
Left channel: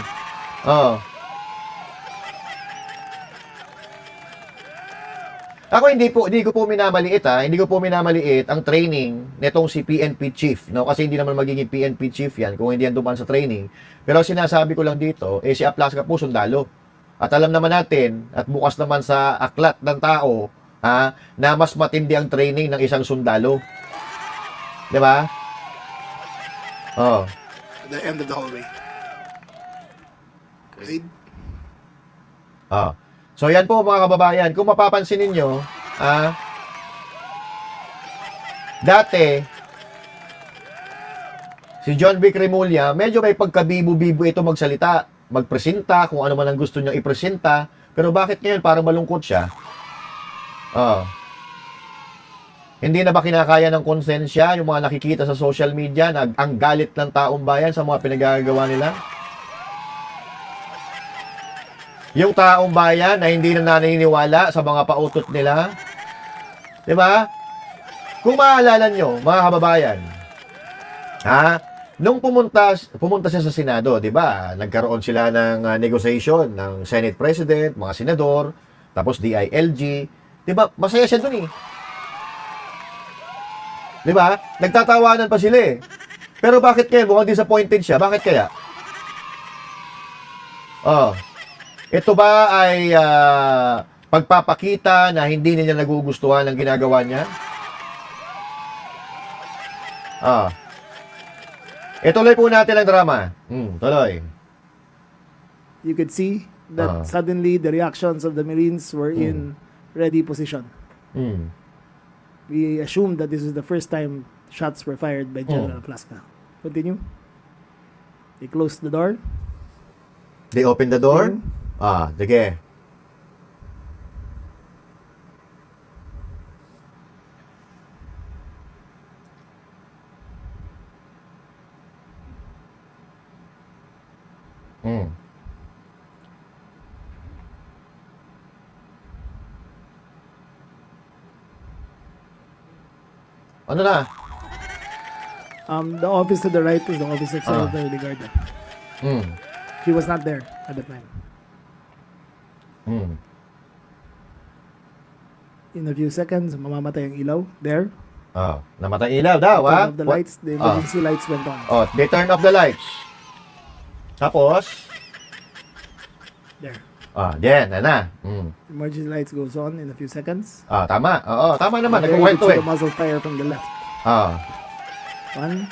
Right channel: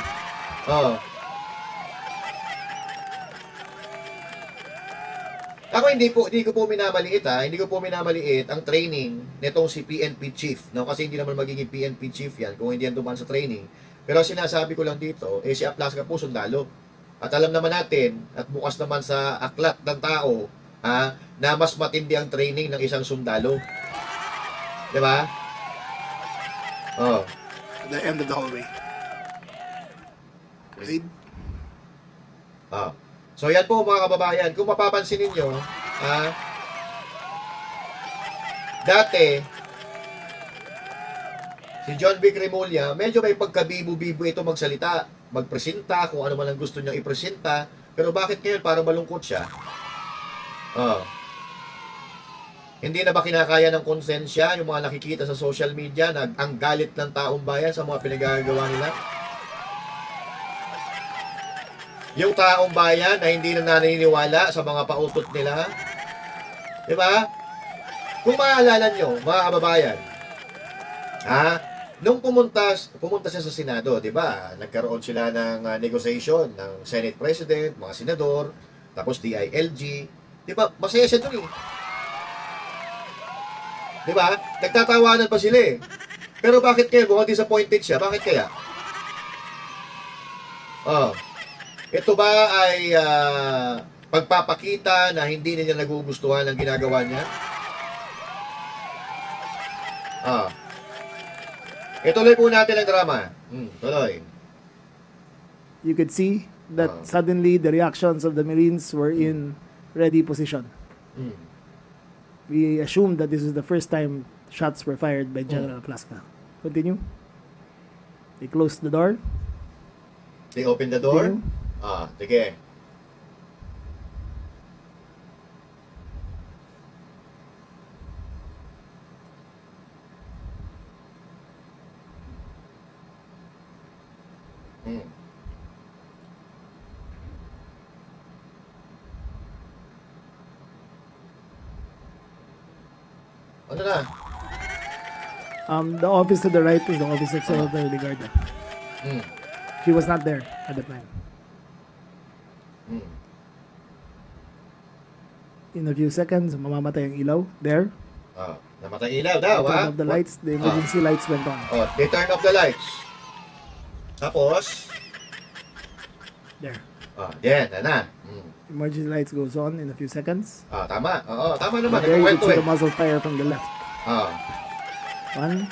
Ako hindi ko po minamaliit hindi ko po minamaliit ang training nitong si PNP chief, no? Kasi hindi naman magiging PNP chief yan kung hindi yan dumaan sa training. Pero sinasabi ko lang dito, si Aplaska po sundalo. At alam naman natin, at bukas naman sa aklat ng tao, na mas matindi ang training ng isang sundalo. Di ba? At the end of the hallway. Proceed. So yan po mga kababayan, kung mapapansin ninyo, dati, si John Vic Remulla, medyo may pagkabibo-bibo ito magsalita, magpresenta, kung ano man ang gusto niyang ipresenta, pero bakit ngayon parang malungkot siya? Hindi na ba kinakaya ng konsensya yung mga nakikita sa social media na ang galit ng taong bayan sa mga pinagagawa nila? Yung taong bayan na hindi na naniniwala sa mga pautot nila. Diba? Kung maaalala nyo, mga kababayan, nung pumunta siya sa Senado, diba? Nagkaroon sila ng negotiation ng Senate President, mga senador, tapos DILG. Diba? Masaya siya dun Diba? Nagtatawanan pa sila Pero bakit kaya mukhang disappointed siya? Bakit kaya? Ito ba ay pagpapakita na hindi niya nagugustuhan ang ginagawa niya? Ituloy po natin ang drama. Tuloy. You could see that suddenly the reactions of the Marines were in ready position. We assumed that this is the first time shots were fired by General Plaska. Continue. They closed the door. They open the door. Continue. Sige. Ano na? The office to the right is the office of Senator Ligarda. He was not there at the time. In a few seconds, mamamatay ang ilaw. There. Namatay ilaw daw, They turned off the lights. The emergency lights went on. They turned off the lights. Tapos, There. yan, na. Emergency lights goes on in a few seconds. Tama. Oo, tama naman. There you can Nagkukwento see the muzzle fire from the left. 1,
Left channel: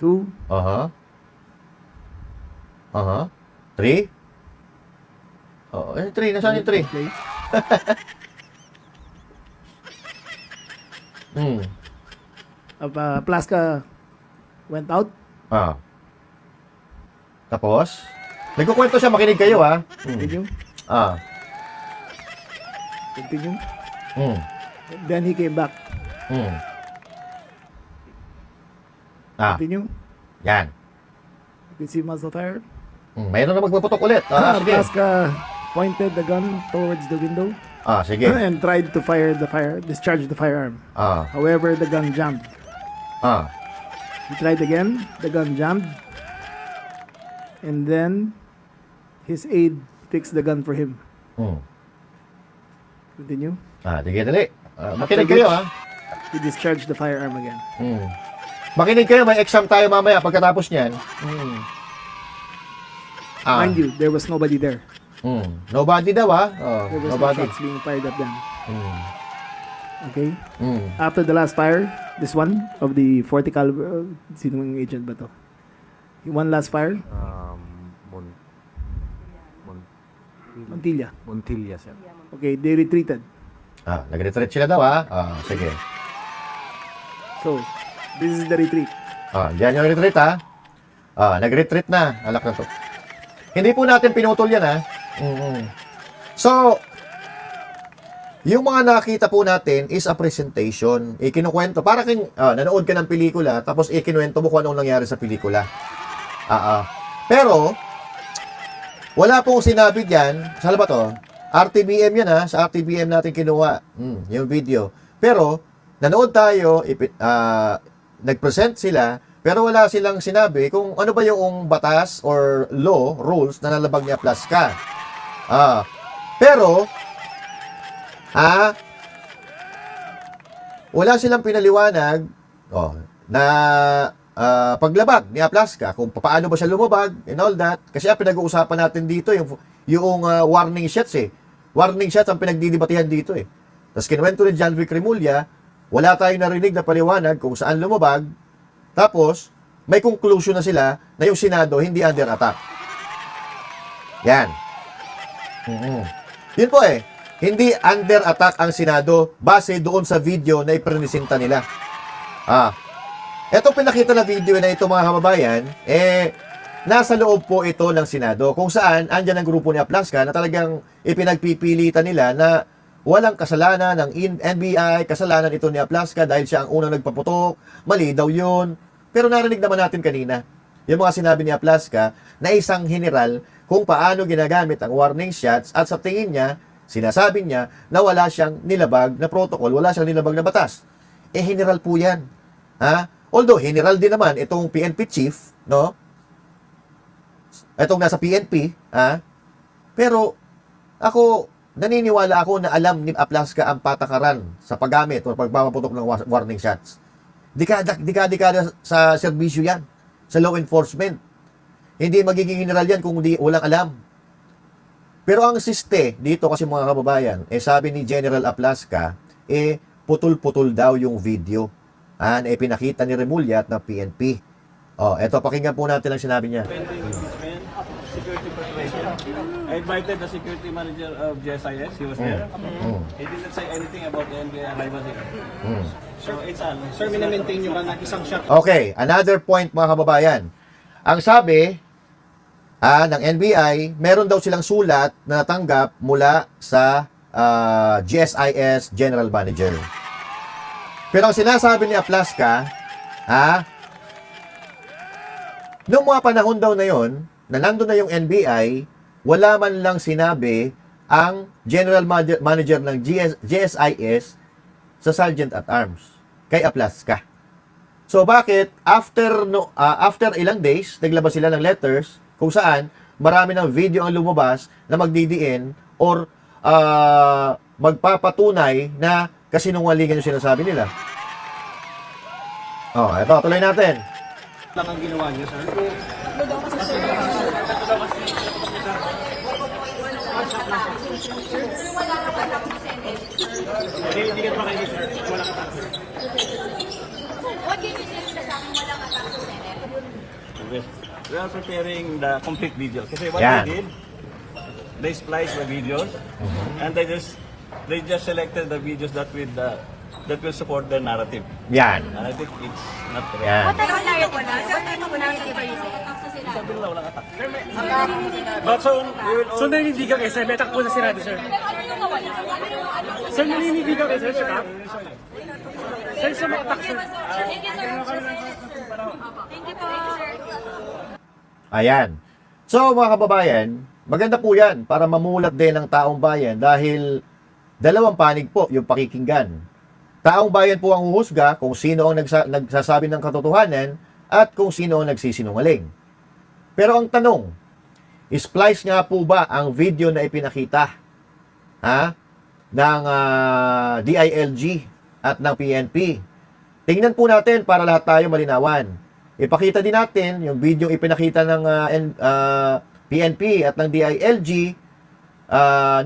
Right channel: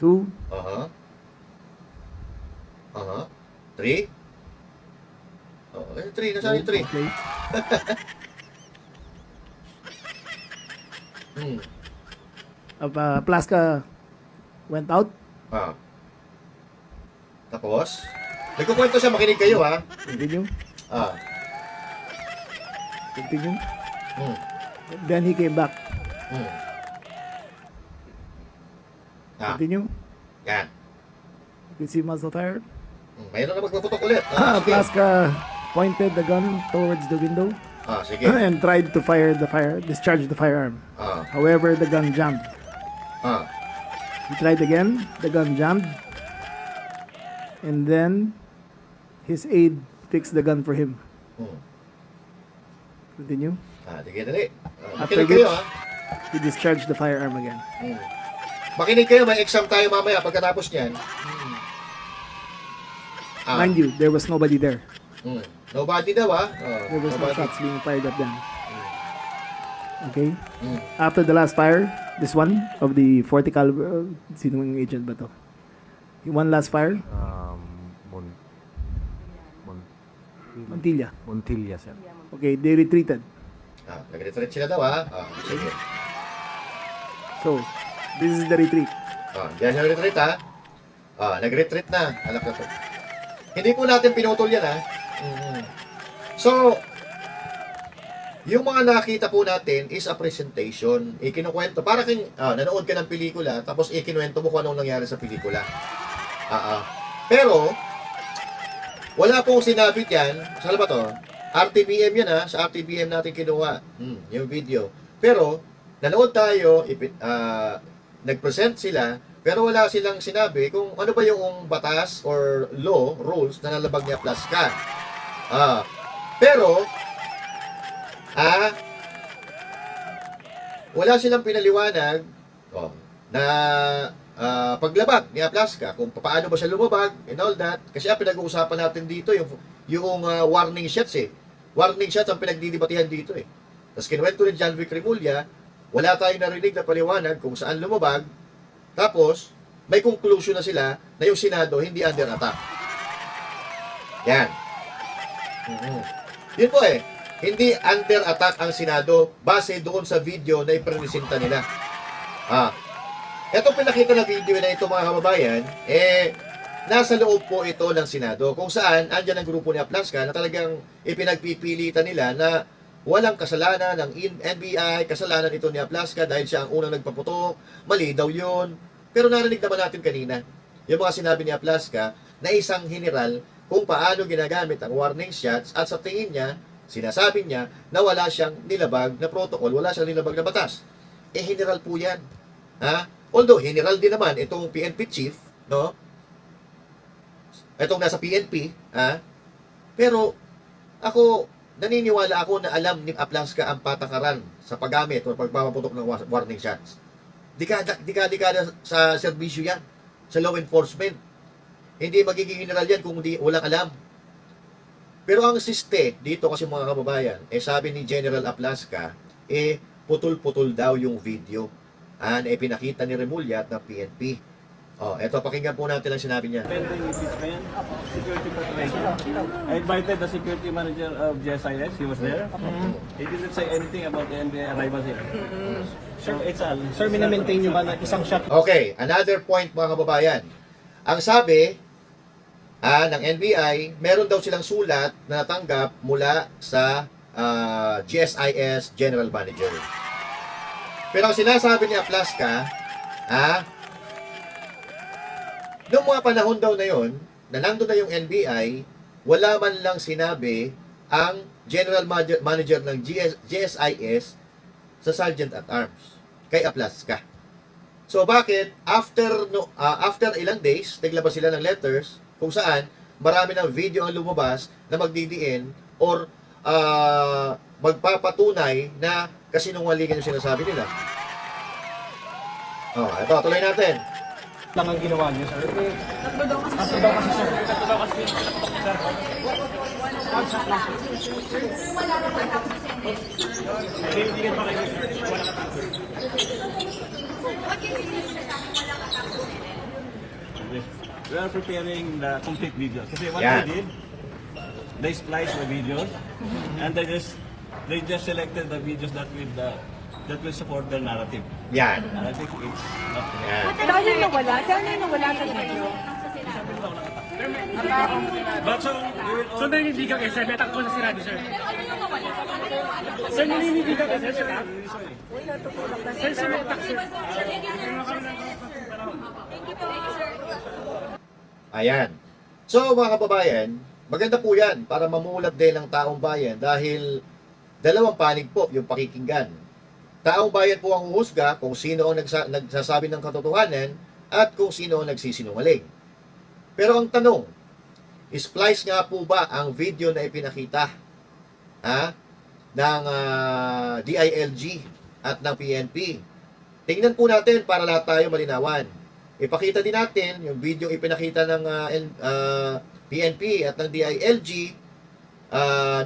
2, 3? 3. Nasaan yung 3? okay. Plaska went out. Tapos, nagkukwento siya, makinig kayo, Continue. Continue. Then he came back. Continue. Yan. You can see muzzle fire. Mayroon na magpaputok ulit. Sige. Plaska pointed the gun towards the window Sige. and tried to discharge the firearm. However, the gun jammed. He tried again. The gun jammed. And then his aide fixed the gun for him. Continue. Sige, dali. After Makinig which, kayo, he discharged the firearm again. Makinig kayo, may exam tayo mamaya pagkatapos niyan. Mind you, there was nobody there. Nobody daw, There was no nobody. shots being fired at them. Okay? After the last fire, this one of the 40 caliber, sinong agent ba to? One last fire, Montilla. Montilla, sir. Okay, they retreated. Nag-retreat sila daw, sige. So, this is the retreat. Diyan yung retreat, nag-retreat na. Alak na to. Hindi po natin pinutol yan, So, yung mga nakita po natin is a presentation. Ikinukwento. Para kang nanood ka ng pelikula, tapos ikinuwento mo kung anong nangyari sa pelikula. Pero, wala pong sinabi dyan. Saan ba to? RTBM yan, sa RTBM natin kinuha. Yung video. Pero, nanood tayo, nag-present sila, pero wala silang sinabi kung ano ba yung batas or law, rules na nalabag niya Plaska. Pero, wala silang pinaliwanag na paglabag ni Plaska, kung paano ba siya lumabag and all that. Kasi pinag-uusapan natin dito yung warning shots Warning shots ang pinagdidibatihan dito Tapos kinuwento ni John Vic Remulla, wala tayong narinig na paliwanag kung saan lumabag. Tapos, may conclusion na sila na yung Senado hindi under attack. Yan. Yun po hindi under attack ang Senado base doon sa video na iprinisinta nila. Ito pinakita na video na ito mga kababayan, nasa loob po ito ng Senado kung saan andyan ang grupo ni Plaska na talagang ipinagpipilitan nila na walang kasalanan ng NBI, kasalanan ito ni Plaska dahil siya ang unang nagpaputok, mali daw yun. Pero narinig naman natin kanina, yung mga sinabi ni Plaska na isang general kung paano ginagamit ang warning shots at sa tingin niya, sinasabi niya na wala siyang nilabag na protocol, wala siyang nilabag na batas. General po yan. Although, general din naman itong PNP chief, no? Itong nasa PNP, pero ako, naniniwala ako na alam ni Plaska ang patakaran sa paggamit o pagpapaputok ng warning shots. Dekada sa serbisyo yan, sa law enforcement. hindi magiging general yan kung walang alam. Pero ang siste dito kasi mga kababayan, sabi ni General Aplasca, putol-putol daw yung video na pinakita ni Remulla at ng PNP. Eto, pakinggan po natin ang sinabi niya. Pending impeachment, security preparation. I invited the security manager of GSIS. He was there. He didn't say anything about the NBI arrival here. So, it's all. So, mini-maintain nyo ba ng isang shot? Okay, another point mga kababayan. Ang sabi ng NBI, meron daw silang sulat na natanggap mula sa GSIS General Manager. Pero ang sinasabi ni Aplasca, noong mga panahon daw na yon, na nandun na yung NBI, wala man lang sinabi ang General Manager ng GSIS sa Sergeant at Arms, kay Aplasca. So bakit after ilang days, naglabas sila ng letters kung saan marami ng video ang lumabas na magdidiin or magpapatunay na kasinungalingan yung sinasabi nila. Ito, tuloy natin. Lang ang ginawa niyo, sir. We are preparing the complete video. Kasi what they did, they spliced the videos and they just selected the videos that will support their narrative. Yan. And I think it's not correct. Yan. Saan yung nawala? Saan yung nawala sa video? But so naninibigan kayo, sir. Letak po na sinabi, sir. Sir, naninibigan kayo, sir. Letak? Sir, sumatak, sir. Ayan. So mga kababayan, maganda po yan para mamulat din ng taong bayan dahil dalawang panig po yung pakikinggan. Taong bayan po ang uhusga kung sino ang nagsasabi ng katotohanan at kung sino ang nagsisinungaling. Pero ang tanong, splice nga po ba ang video na ipinakita ng DILG at ng PNP? Tingnan po natin para lahat tayo malinawan. Ipakita din natin yung video ipinakita ng PNP at ng DILG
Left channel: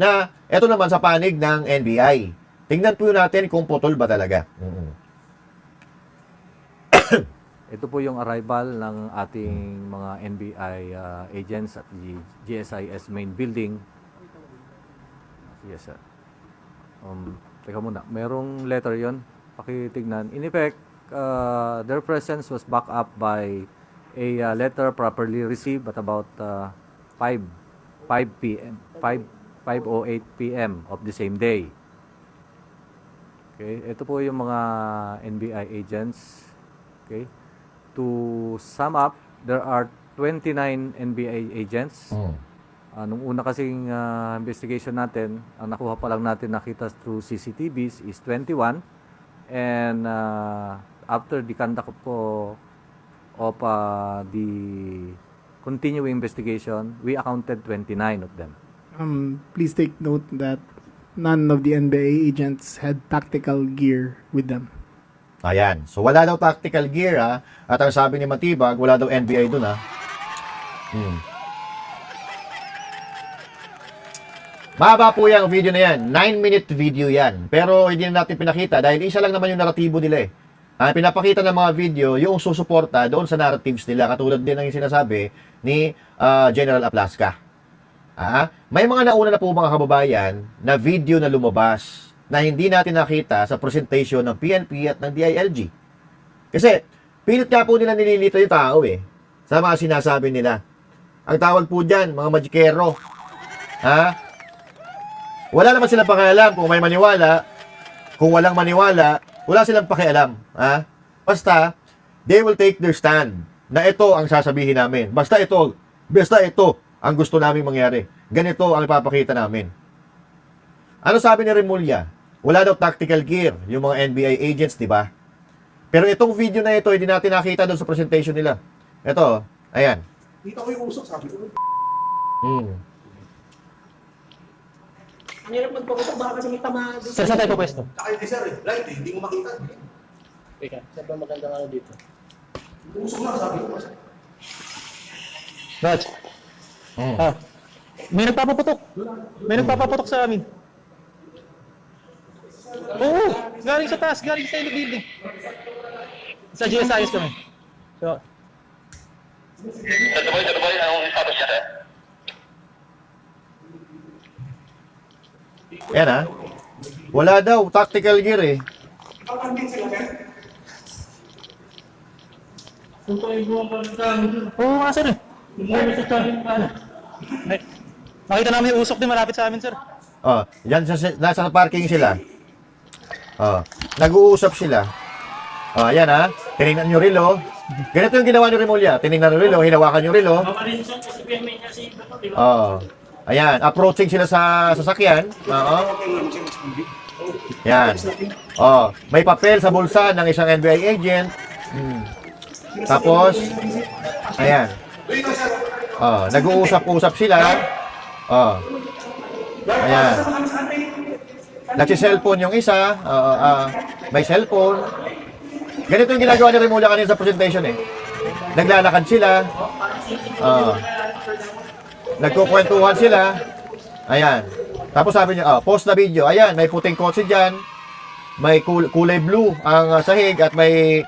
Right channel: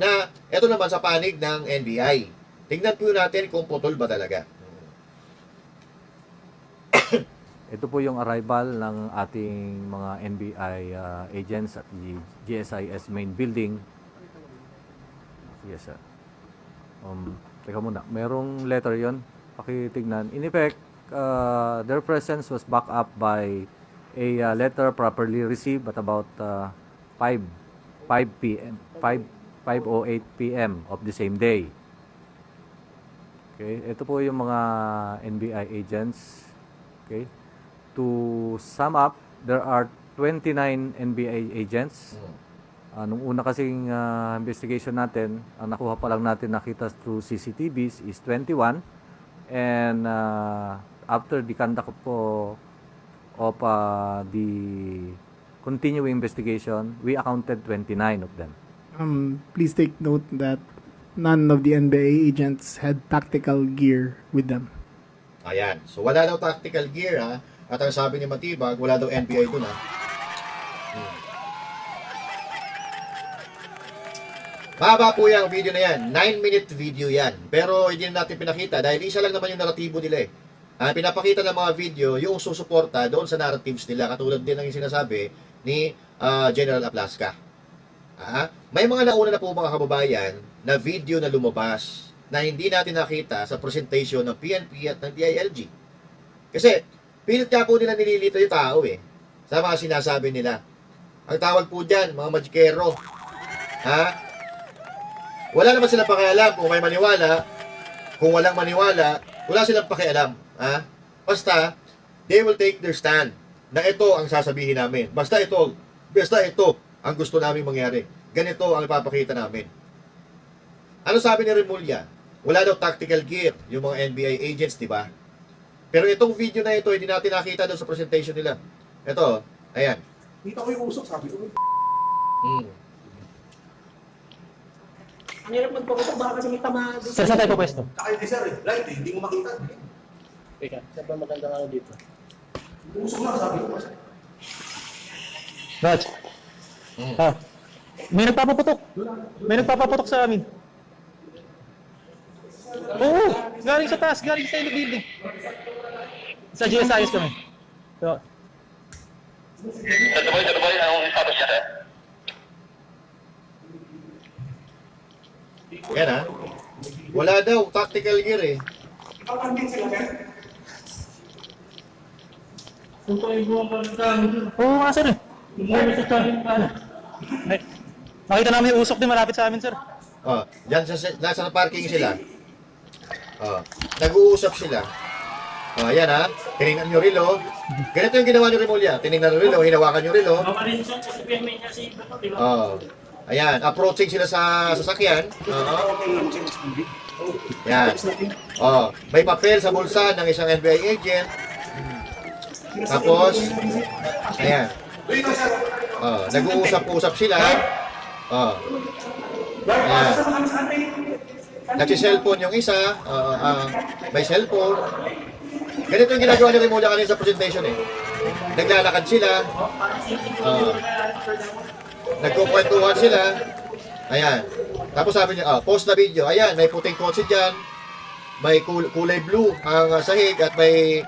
na ito naman sa panig ng NBI. Tingnan po natin kung putol ba talaga. Ito po yung arrival ng ating mga NBI agents at the GSIS main building. Yes, sir. Teka muna, merong letter yon. Pakitignan. In effect, their presence was backed up by a letter properly received at about 5:08 p.m. of the same day. Okay, ito po yung mga NBI agents. Okay. To sum up, there are 29 NBI agents. Nung una kasing investigation natin, ang nakuha pa lang natin nakita through CCTVs is 21. And after the conduct of the continuing investigation, we accounted 29 of them. Please take note that none of the NBI agents had tactical gear with them. Ayan. So wala daw tactical gear at ang sabi ni Matibag, wala daw NBI dun Mahaba po yung video na yan. 9-minute video yan. Pero hindi na natin pinakita dahil isa lang naman yung naratibo nila pinapakita ng mga video yung susuporta doon sa narratives nila katulad din ng sinasabi ni General Aplasca. May mga nauna na po mga kababayan na video na lumabas na hindi natin nakita sa presentation ng PNP at ng DILG. Kasi pilit nga po nila nililito yung tao sa mga sinasabi nila. Ang tawag po dyan, mga magikero. Wala naman silang pakialam kung may maniwala, kung walang maniwala, wala silang pakialam. Basta, they will take their stand na ito ang sasabihin namin. Basta ito ang gusto namin mangyari. Ganito ang ipapakita namin. Ano sabi ni Remulla? Wala daw tactical gear yung mga NBI agents, di ba? Pero itong video na ito, hindi natin nakita doon sa presentation nila. Ito, ayan. Dito ko yung usok, sabi ko. Ang hirap magpapasok, baka kasi may tama. Saan tayo pwesto? Saka hindi sir, right, hindi mo makita. Teka, saan ba maganda nga dito? Usok lang, sabi ko. Raj. Ah, may nagpapaputok. May nagpapaputok sa amin. Oo, galing sa taas, galing sa building. Sa GSIS kami. So, Yan ha. Wala daw, tactical gear eh. oo nga sir eh. Ay, nakita namin yung usok din malapit sa amin sir. Oh, yan nasa parking sila. Oh, nag-uusap sila. Oh, ayan ha. Tinignan nyo rilo. Ganito yung ginawa ni Remulla. Tinignan nyo rilo, hinawakan nyo rilo. Oh. Ayan, approaching sila sa sasakyan. Oo. Yan. Oh, may papel sa bulsa ng isang NBI agent. Tapos, ayan. Oh, nag-uusap-usap sila. Oh. Ayan. Nagsi-cellphone yung isa. May cellphone. Ganito yung ginagawa ni Remulla kanina sa presentation eh. Naglalakad sila. Nagkukwentuhan sila. Ayan. Tapos sabi niya, post na video. Ayan, may puting kotse dyan. May kulay blue ang sahig at may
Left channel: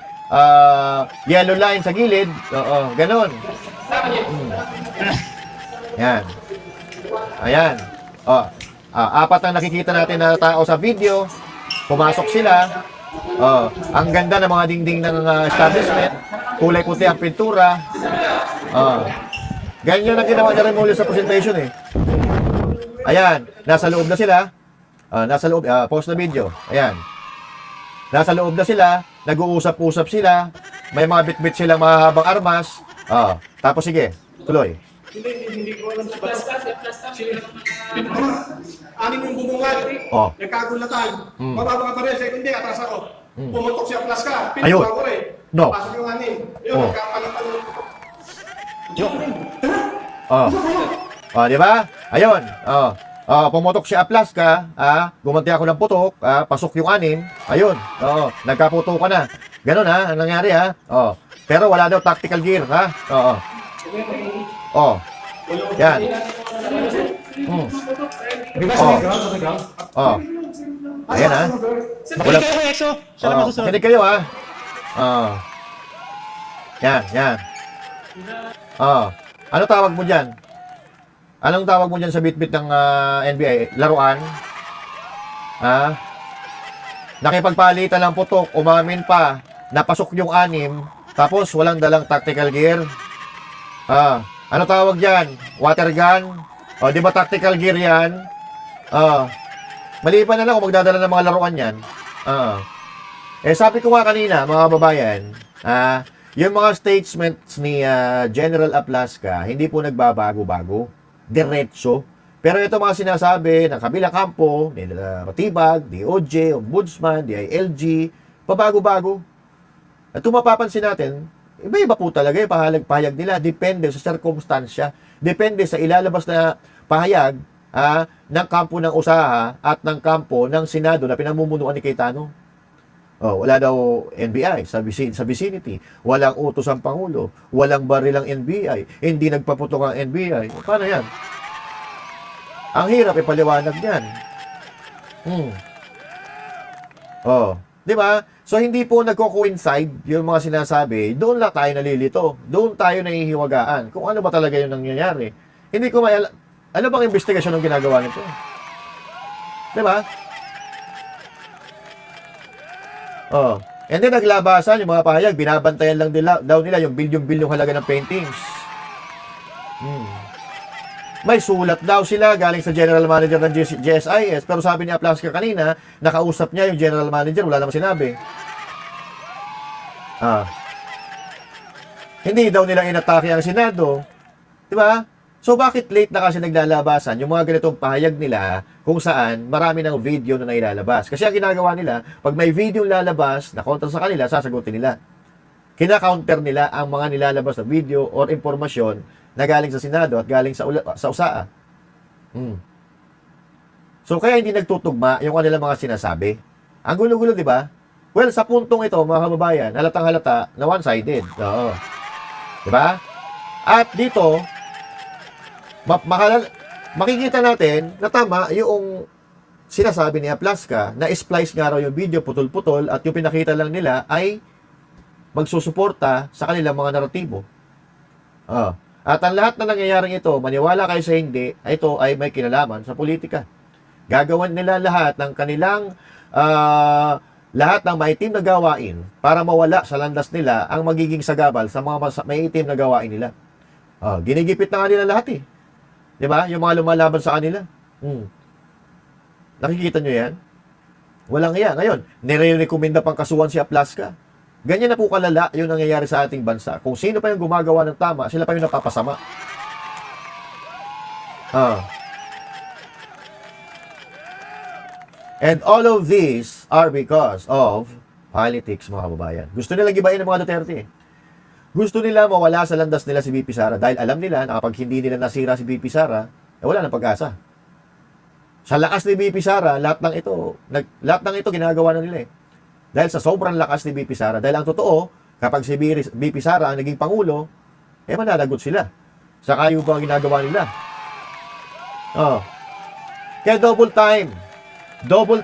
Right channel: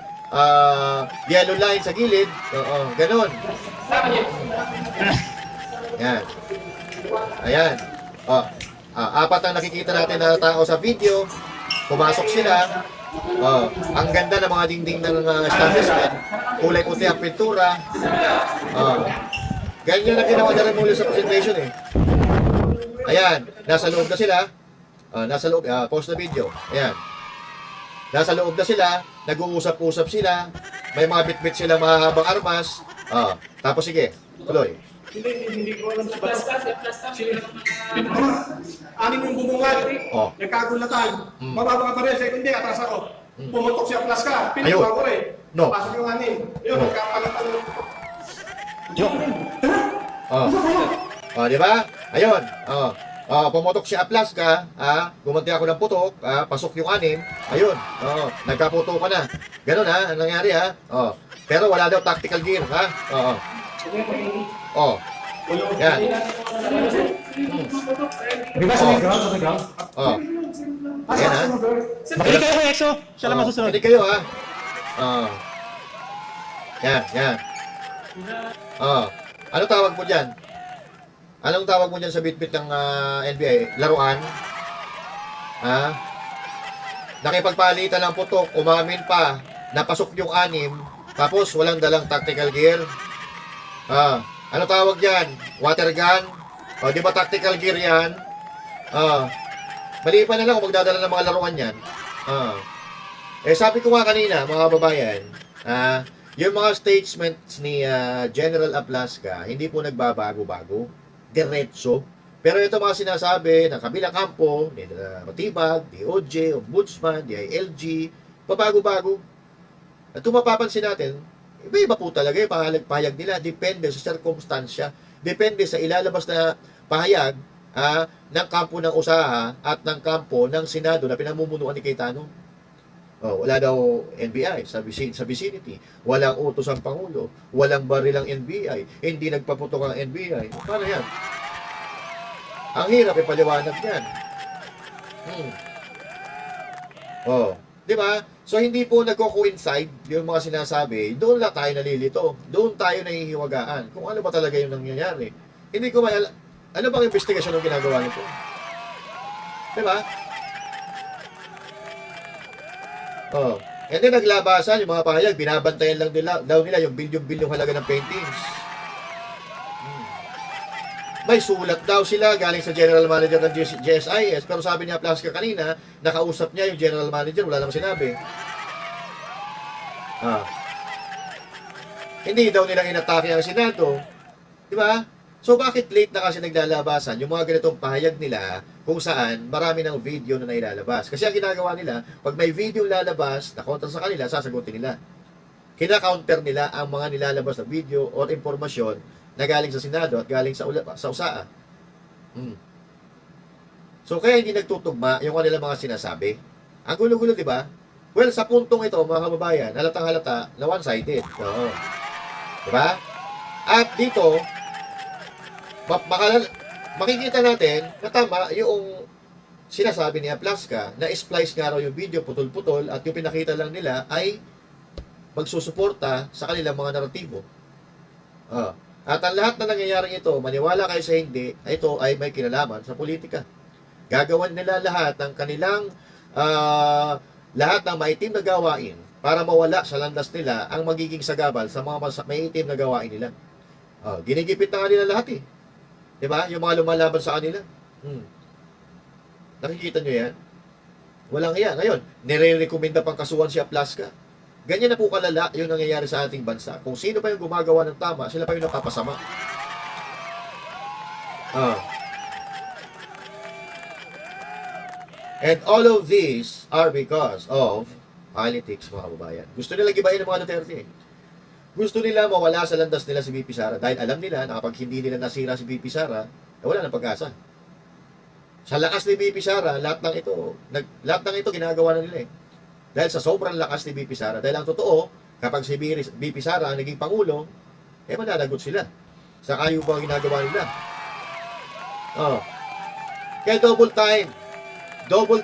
yellow line sa gilid. Oo, ganon. Ayan. Ayan. Apat ang nakikita natin na tao sa video. Pumasok sila. Ang ganda ng mga dingding ng establishment. Kulay puti ang pintura. Ganyan lang ginawa na rin muli sa presentation eh. Ayan, nasa loob na sila. Nasa loob, post na video. Ayan. Nasa loob na sila, nag-uusap-usap sila. May mga bit-bit silang mahahabang armas. Tapos sige, tuloy. Hindi ko alam sa anim yung bubungan. Nagkagulatan. Mababa ka pa rin. Second day, atas ako. Pumutok siya plus ka. Pinutok ako eh. No. Pasok yung anim. Yun, nagkapalitan yung putok. Di ba? Ayun. Pumutok siya aplas ka, gumanti ako ng putok, pasok yung anim. Ayun. Nagkaputo ka na. Ganun ha, ang nangyari ha. Pero wala daw tactical gear ha. Yan. Ayan ha. Makinig kayo kay EXO. Siya lang masusunod. Makinig kayo ha. Yan. Ano tawag mo dyan? Anong tawag mo dyan sa bit-bit ng NBI? Laruan? Nakipagpalitan ng putok, umamin pa, napasok yung anim, tapos walang dalang tactical gear. Ano tawag dyan? Water gun? Di ba tactical gear yan? Mali pa na lang kung magdadala ng mga laruan yan. Sabi ko nga kanina, mga kababayan, yung mga statements ni General Aplasca, hindi po nagbabago-bago. Diretso. Pero ito mga sinasabi ng kabilang kampo, ni Matibag, DOJ, Ombudsman, DILG, pabago-bago. At kung mapapansin natin, iba-iba po talaga yung pahayag nila. Depende sa sirkumstansya. Depende sa ilalabas na pahayag ng kampo ng usaha at ng kampo ng Senado na pinamumunuan ni Cayetano. Wala daw NBI sa vicinity. Walang utos ang Pangulo. Walang baril ang NBI. Hindi nagpaputok ang NBI. Paano yan? Ang hirap ipaliwanag yan. Di ba? So, hindi po nagko-coincide yung mga sinasabi. Doon lang tayo nalilito. Doon tayo nahihiwagaan. Kung ano ba talaga yung nangyayari. Hindi ko ano bang investigasyon ang ginagawa nito? Di ba? And then naglabasan yung mga pahayag, binabantayan lang daw nila yung bilyong halaga ng paintings. May sulat daw sila galing sa general manager ng GSIS, pero sabi ni Aplasca kanina, nakausap niya yung general manager, wala namang sinabi. Hindi daw nila inatake ang Senado. Di ba? So bakit late na kasi naglalabasan yung mga ganitong pahayag nila kung saan marami ng video na nailalabas? Kasi ang ginagawa nila, pag may video lalabas na kontra sa kanila, sasagutin nila. Kina-counter nila ang mga nilalabas na video or impormasyon na galing sa Senado at galing sa USAA. So kaya hindi nagtutugma yung kanilang mga sinasabi. Ang gulo-gulo, di ba? Well, sa puntong ito, mga kababayan, halatang halata na one-sided. Di ba? At dito, makikita natin na tama yung sinasabi ni Aplaska na splice nga raw yung video putol-putol at yung pinakita lang nila ay magsusuporta sa kanilang mga naratibo. At ang lahat na nangyayaring ito, maniwala kayo sa hindi, ito ay may kinalaman sa politika. Gagawan nila lahat ng kanilang lahat ng maitim na gawain para mawala sa landas nila ang magiging sagabal sa mga maitim na gawain nila. Ginigipit na nga nila lahat eh. Di ba? Yung mga lumalaban sa kanila. Nakikita nyo yan? Walang iya. Ngayon, nire-recommenda pang kasuhan si Aplaska. Ganyan na po kalala yung nangyayari sa ating bansa. Kung sino pa yung gumagawa ng tama, sila pa yung napapasama. And all of these are because of politics, mga kababayan. Gusto nilang gibayin ng mga Duterte. Gusto nila mawala sa landas nila si BP Sara dahil alam nila na kapag hindi nila nasira si BP Sara, wala nang pag-asa. Sa lakas ni BP Sara, lahat ng ito ginagawa na nila eh. Dahil sa sobrang lakas ni BP Sara. Dahil ang totoo, kapag si BP Sara ang naging pangulo, mananagot sila. Sa kayo pa ang ginagawa nila. Kaya double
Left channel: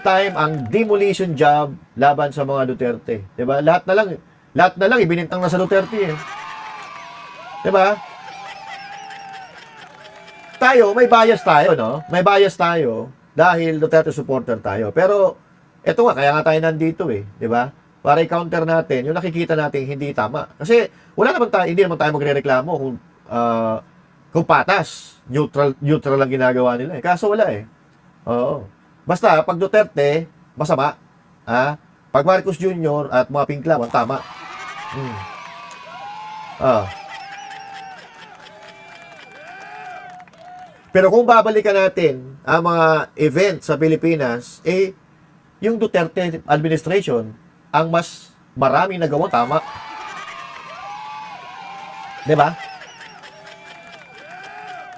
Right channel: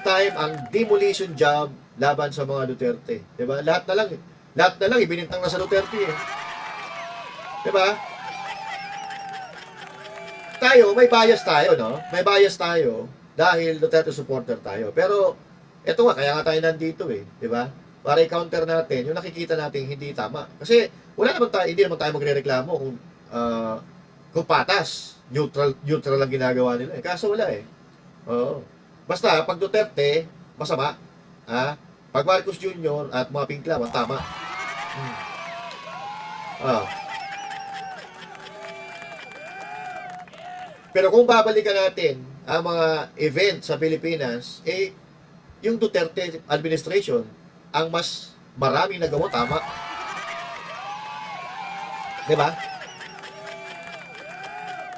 time ang demolition job laban sa mga Duterte. 'Di ba? Lahat na lang ibinintang na sa Duterte eh. 'Di ba? Tayo, may bias tayo, no? May bias tayo dahil Duterte supporter tayo. Pero eto nga, kaya nga tayo nandito eh, 'di ba? Para i-counter natin yung nakikita natin hindi tama. Kasi hindi naman tayo magrereklamo kung patas, neutral lang ginagawa nila eh. Kaso wala eh. Oo. Basta pag Duterte, masama. Pag Marcos Jr. at mga Pinklawan, tama. Pero kung babalikan natin ang mga event sa Pilipinas, yung Duterte administration ang mas maraming nagawa tama. 'Di ba?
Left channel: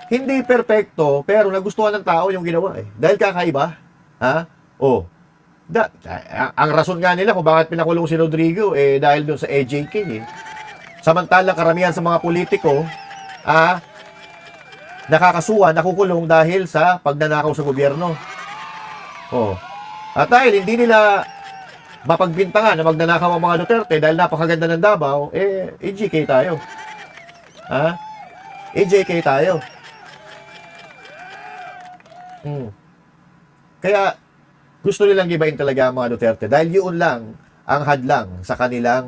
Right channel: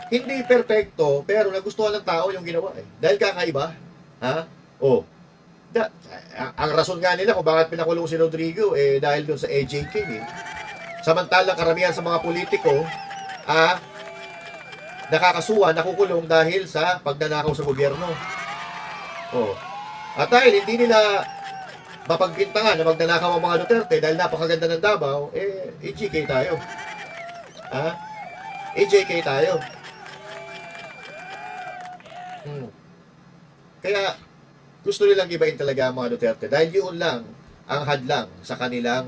Hindi perpekto, pero nagustuhan ng tao yung ginawa eh. Dahil kakaiba. Ang rason nga nila kung bakit pinakulong si Rodrigo dahil dun sa AJK eh. Samantala karamihan sa mga politiko nakakasuhan, nakukulong dahil sa pagnanakaw sa gobyerno. At dahil hindi nila mapagbintangan na magnanakaw ang mga Duterte dahil napakaganda ng Davao, AJK tayo. AJK tayo. Kaya gusto nilang gibain talaga ang mga Duterte dahil yun lang ang hadlang sa kanilang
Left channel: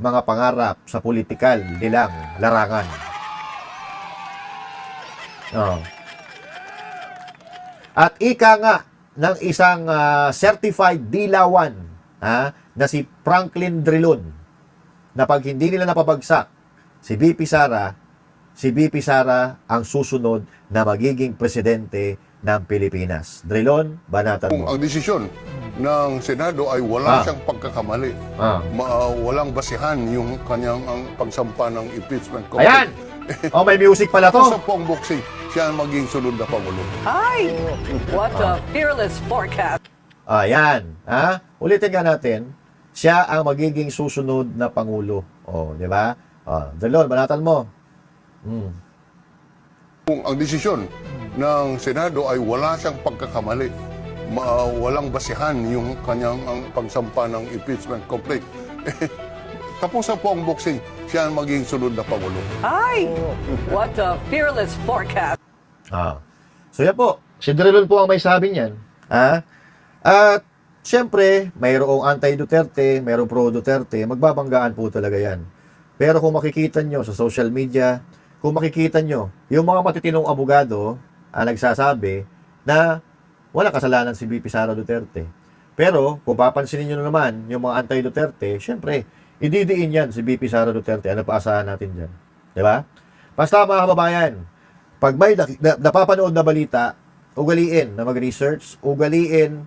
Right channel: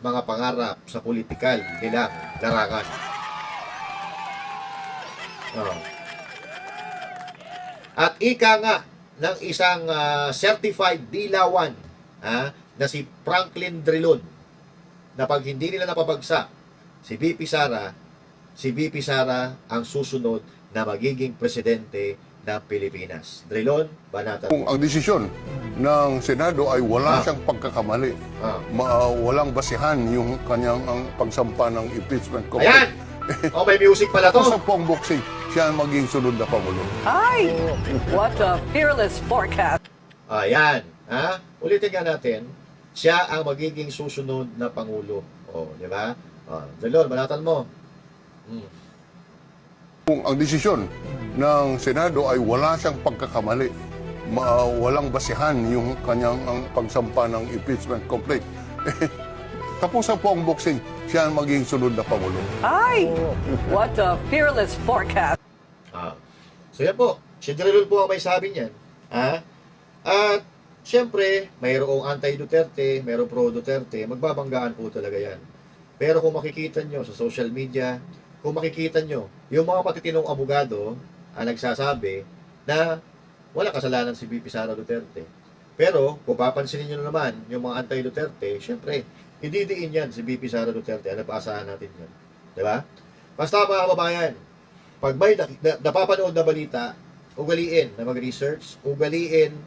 mga pangarap sa politikal nilang larangan. At ika nga ng isang certified dilawan na si Franklin Drilon na pag hindi nila napabagsak si BP Sara ang susunod na magiging presidente ng Pilipinas. Drilon, banatan Kung mo. ang desisyon ng Senado ay wala siyang pagkakamali, walang basihan yung kanyang ang pagsampa ng impeachment Ayan! complaint. May music pala to. Tapos sa pong boxing, siya ang maging sunod na Pangulo. Hi! What a fearless forecast! Ayan. Ulitin nga natin, siya ang magiging susunod na Pangulo. Di ba? Drilon, banatan mo. Kung ang desisyon ng Senado ay wala siyang pagkakamali, walang basihan yung kanyang ang pagsampa ng impeachment complaint, tapos po ang boxing, siya ang maging sunod na Pangulo. Hi! What a fearless forecast! So yan po, si Drilon po ang may sabi niyan. At siyempre, mayroong anti-Duterte, mayroong pro-Duterte, magbabanggaan po talaga yan. Pero kung makikita nyo sa social media, kung makikita nyo, yung mga matitinong abogado ang nagsasabi na wala kasalanan si BP Sara Duterte. Pero kung papansinin nyo naman yung mga anti-Duterte, syempre, ididiin yan si BP Sara Duterte. Ano pa asahan natin dyan? Diba? Basta mga kababayan, pag may napapanood na balita, ugaliin na mag-research, ugaliin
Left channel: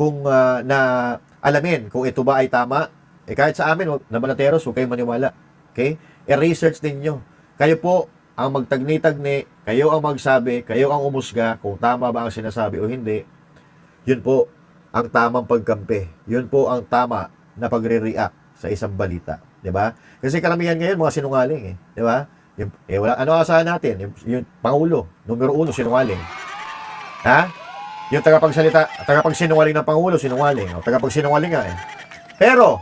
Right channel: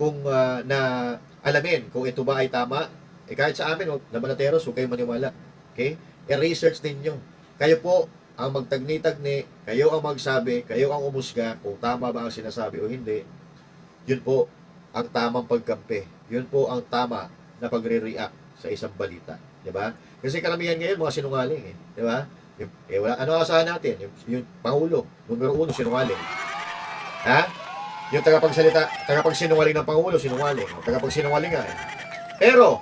kung na alamin kung ito ba ay tama. Kahit sa amin, na Manateros, huwag kayong maniwala. Okay? I-research din nyo. Kayo po ang magtagni-tagni, kayo ang magsabi, kayo ang umusga kung tama ba ang sinasabi o hindi. Yun po ang tamang pagkampi. Yun po ang tama na pagre-react sa isang balita. 'Di ba? Kasi karamihan ngayon mga sinungaling eh. 'Di ba? Wala, ano asahan natin? Yung Pangulo, numero 1, sinungaling. Ha? Yung tagapagsinungaling ng Pangulo, sinungaling. O, tagapagsinungaling nga eh. Pero,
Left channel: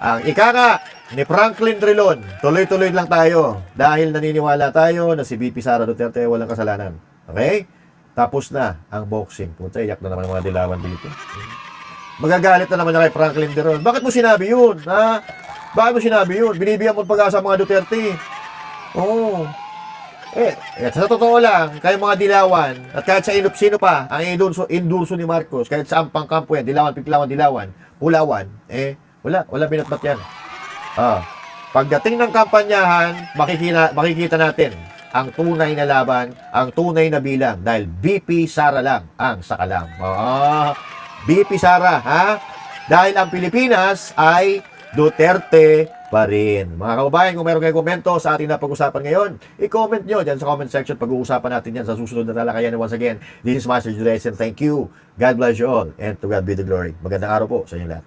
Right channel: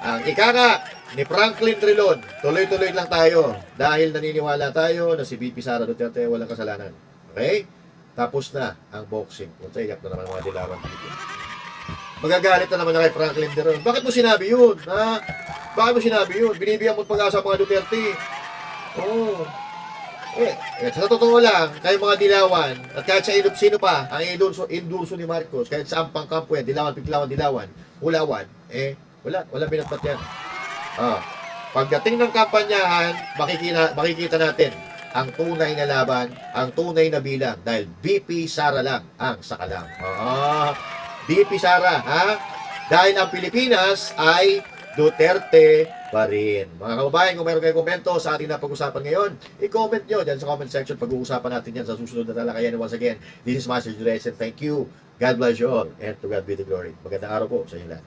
ang ika nga ni Franklin Drilon, tuloy-tuloy lang tayo dahil naniniwala tayo na si VP Sara Duterte walang kasalanan. Okay? Tapos na ang boxing. Puta, iyak na naman ang mga dilawan dito. Magagalit na naman na kay Franklin Drilon. Bakit mo sinabi yun? Ha? Bakit mo sinabi yun? Binibigyan mo pag-asa ang mga Duterte. Oo. Sa totoo lang, kayo mga dilawan, at kahit sa sino pa, ang endurso ni Marcos, kahit sa ampang kampo yan, dilawan, hulawan, wala binatbat yan. Pagdating ng kampanyahan, makikita natin ang tunay na laban, ang tunay na bilang, dahil VP Sara lang ang sakalam. VP Sara, ha? Dahil ang Pilipinas ay Duterte pa rin. Mga kababayan, kung meron kayong komento sa ating napag-usapan ngayon, i-comment nyo dyan sa comment section. Pag-uusapan natin yan sa susunod na talakayan. Once again, this is Master Judez and thank you. God bless you all and to God be the glory. Magandang araw po sa inyo lahat.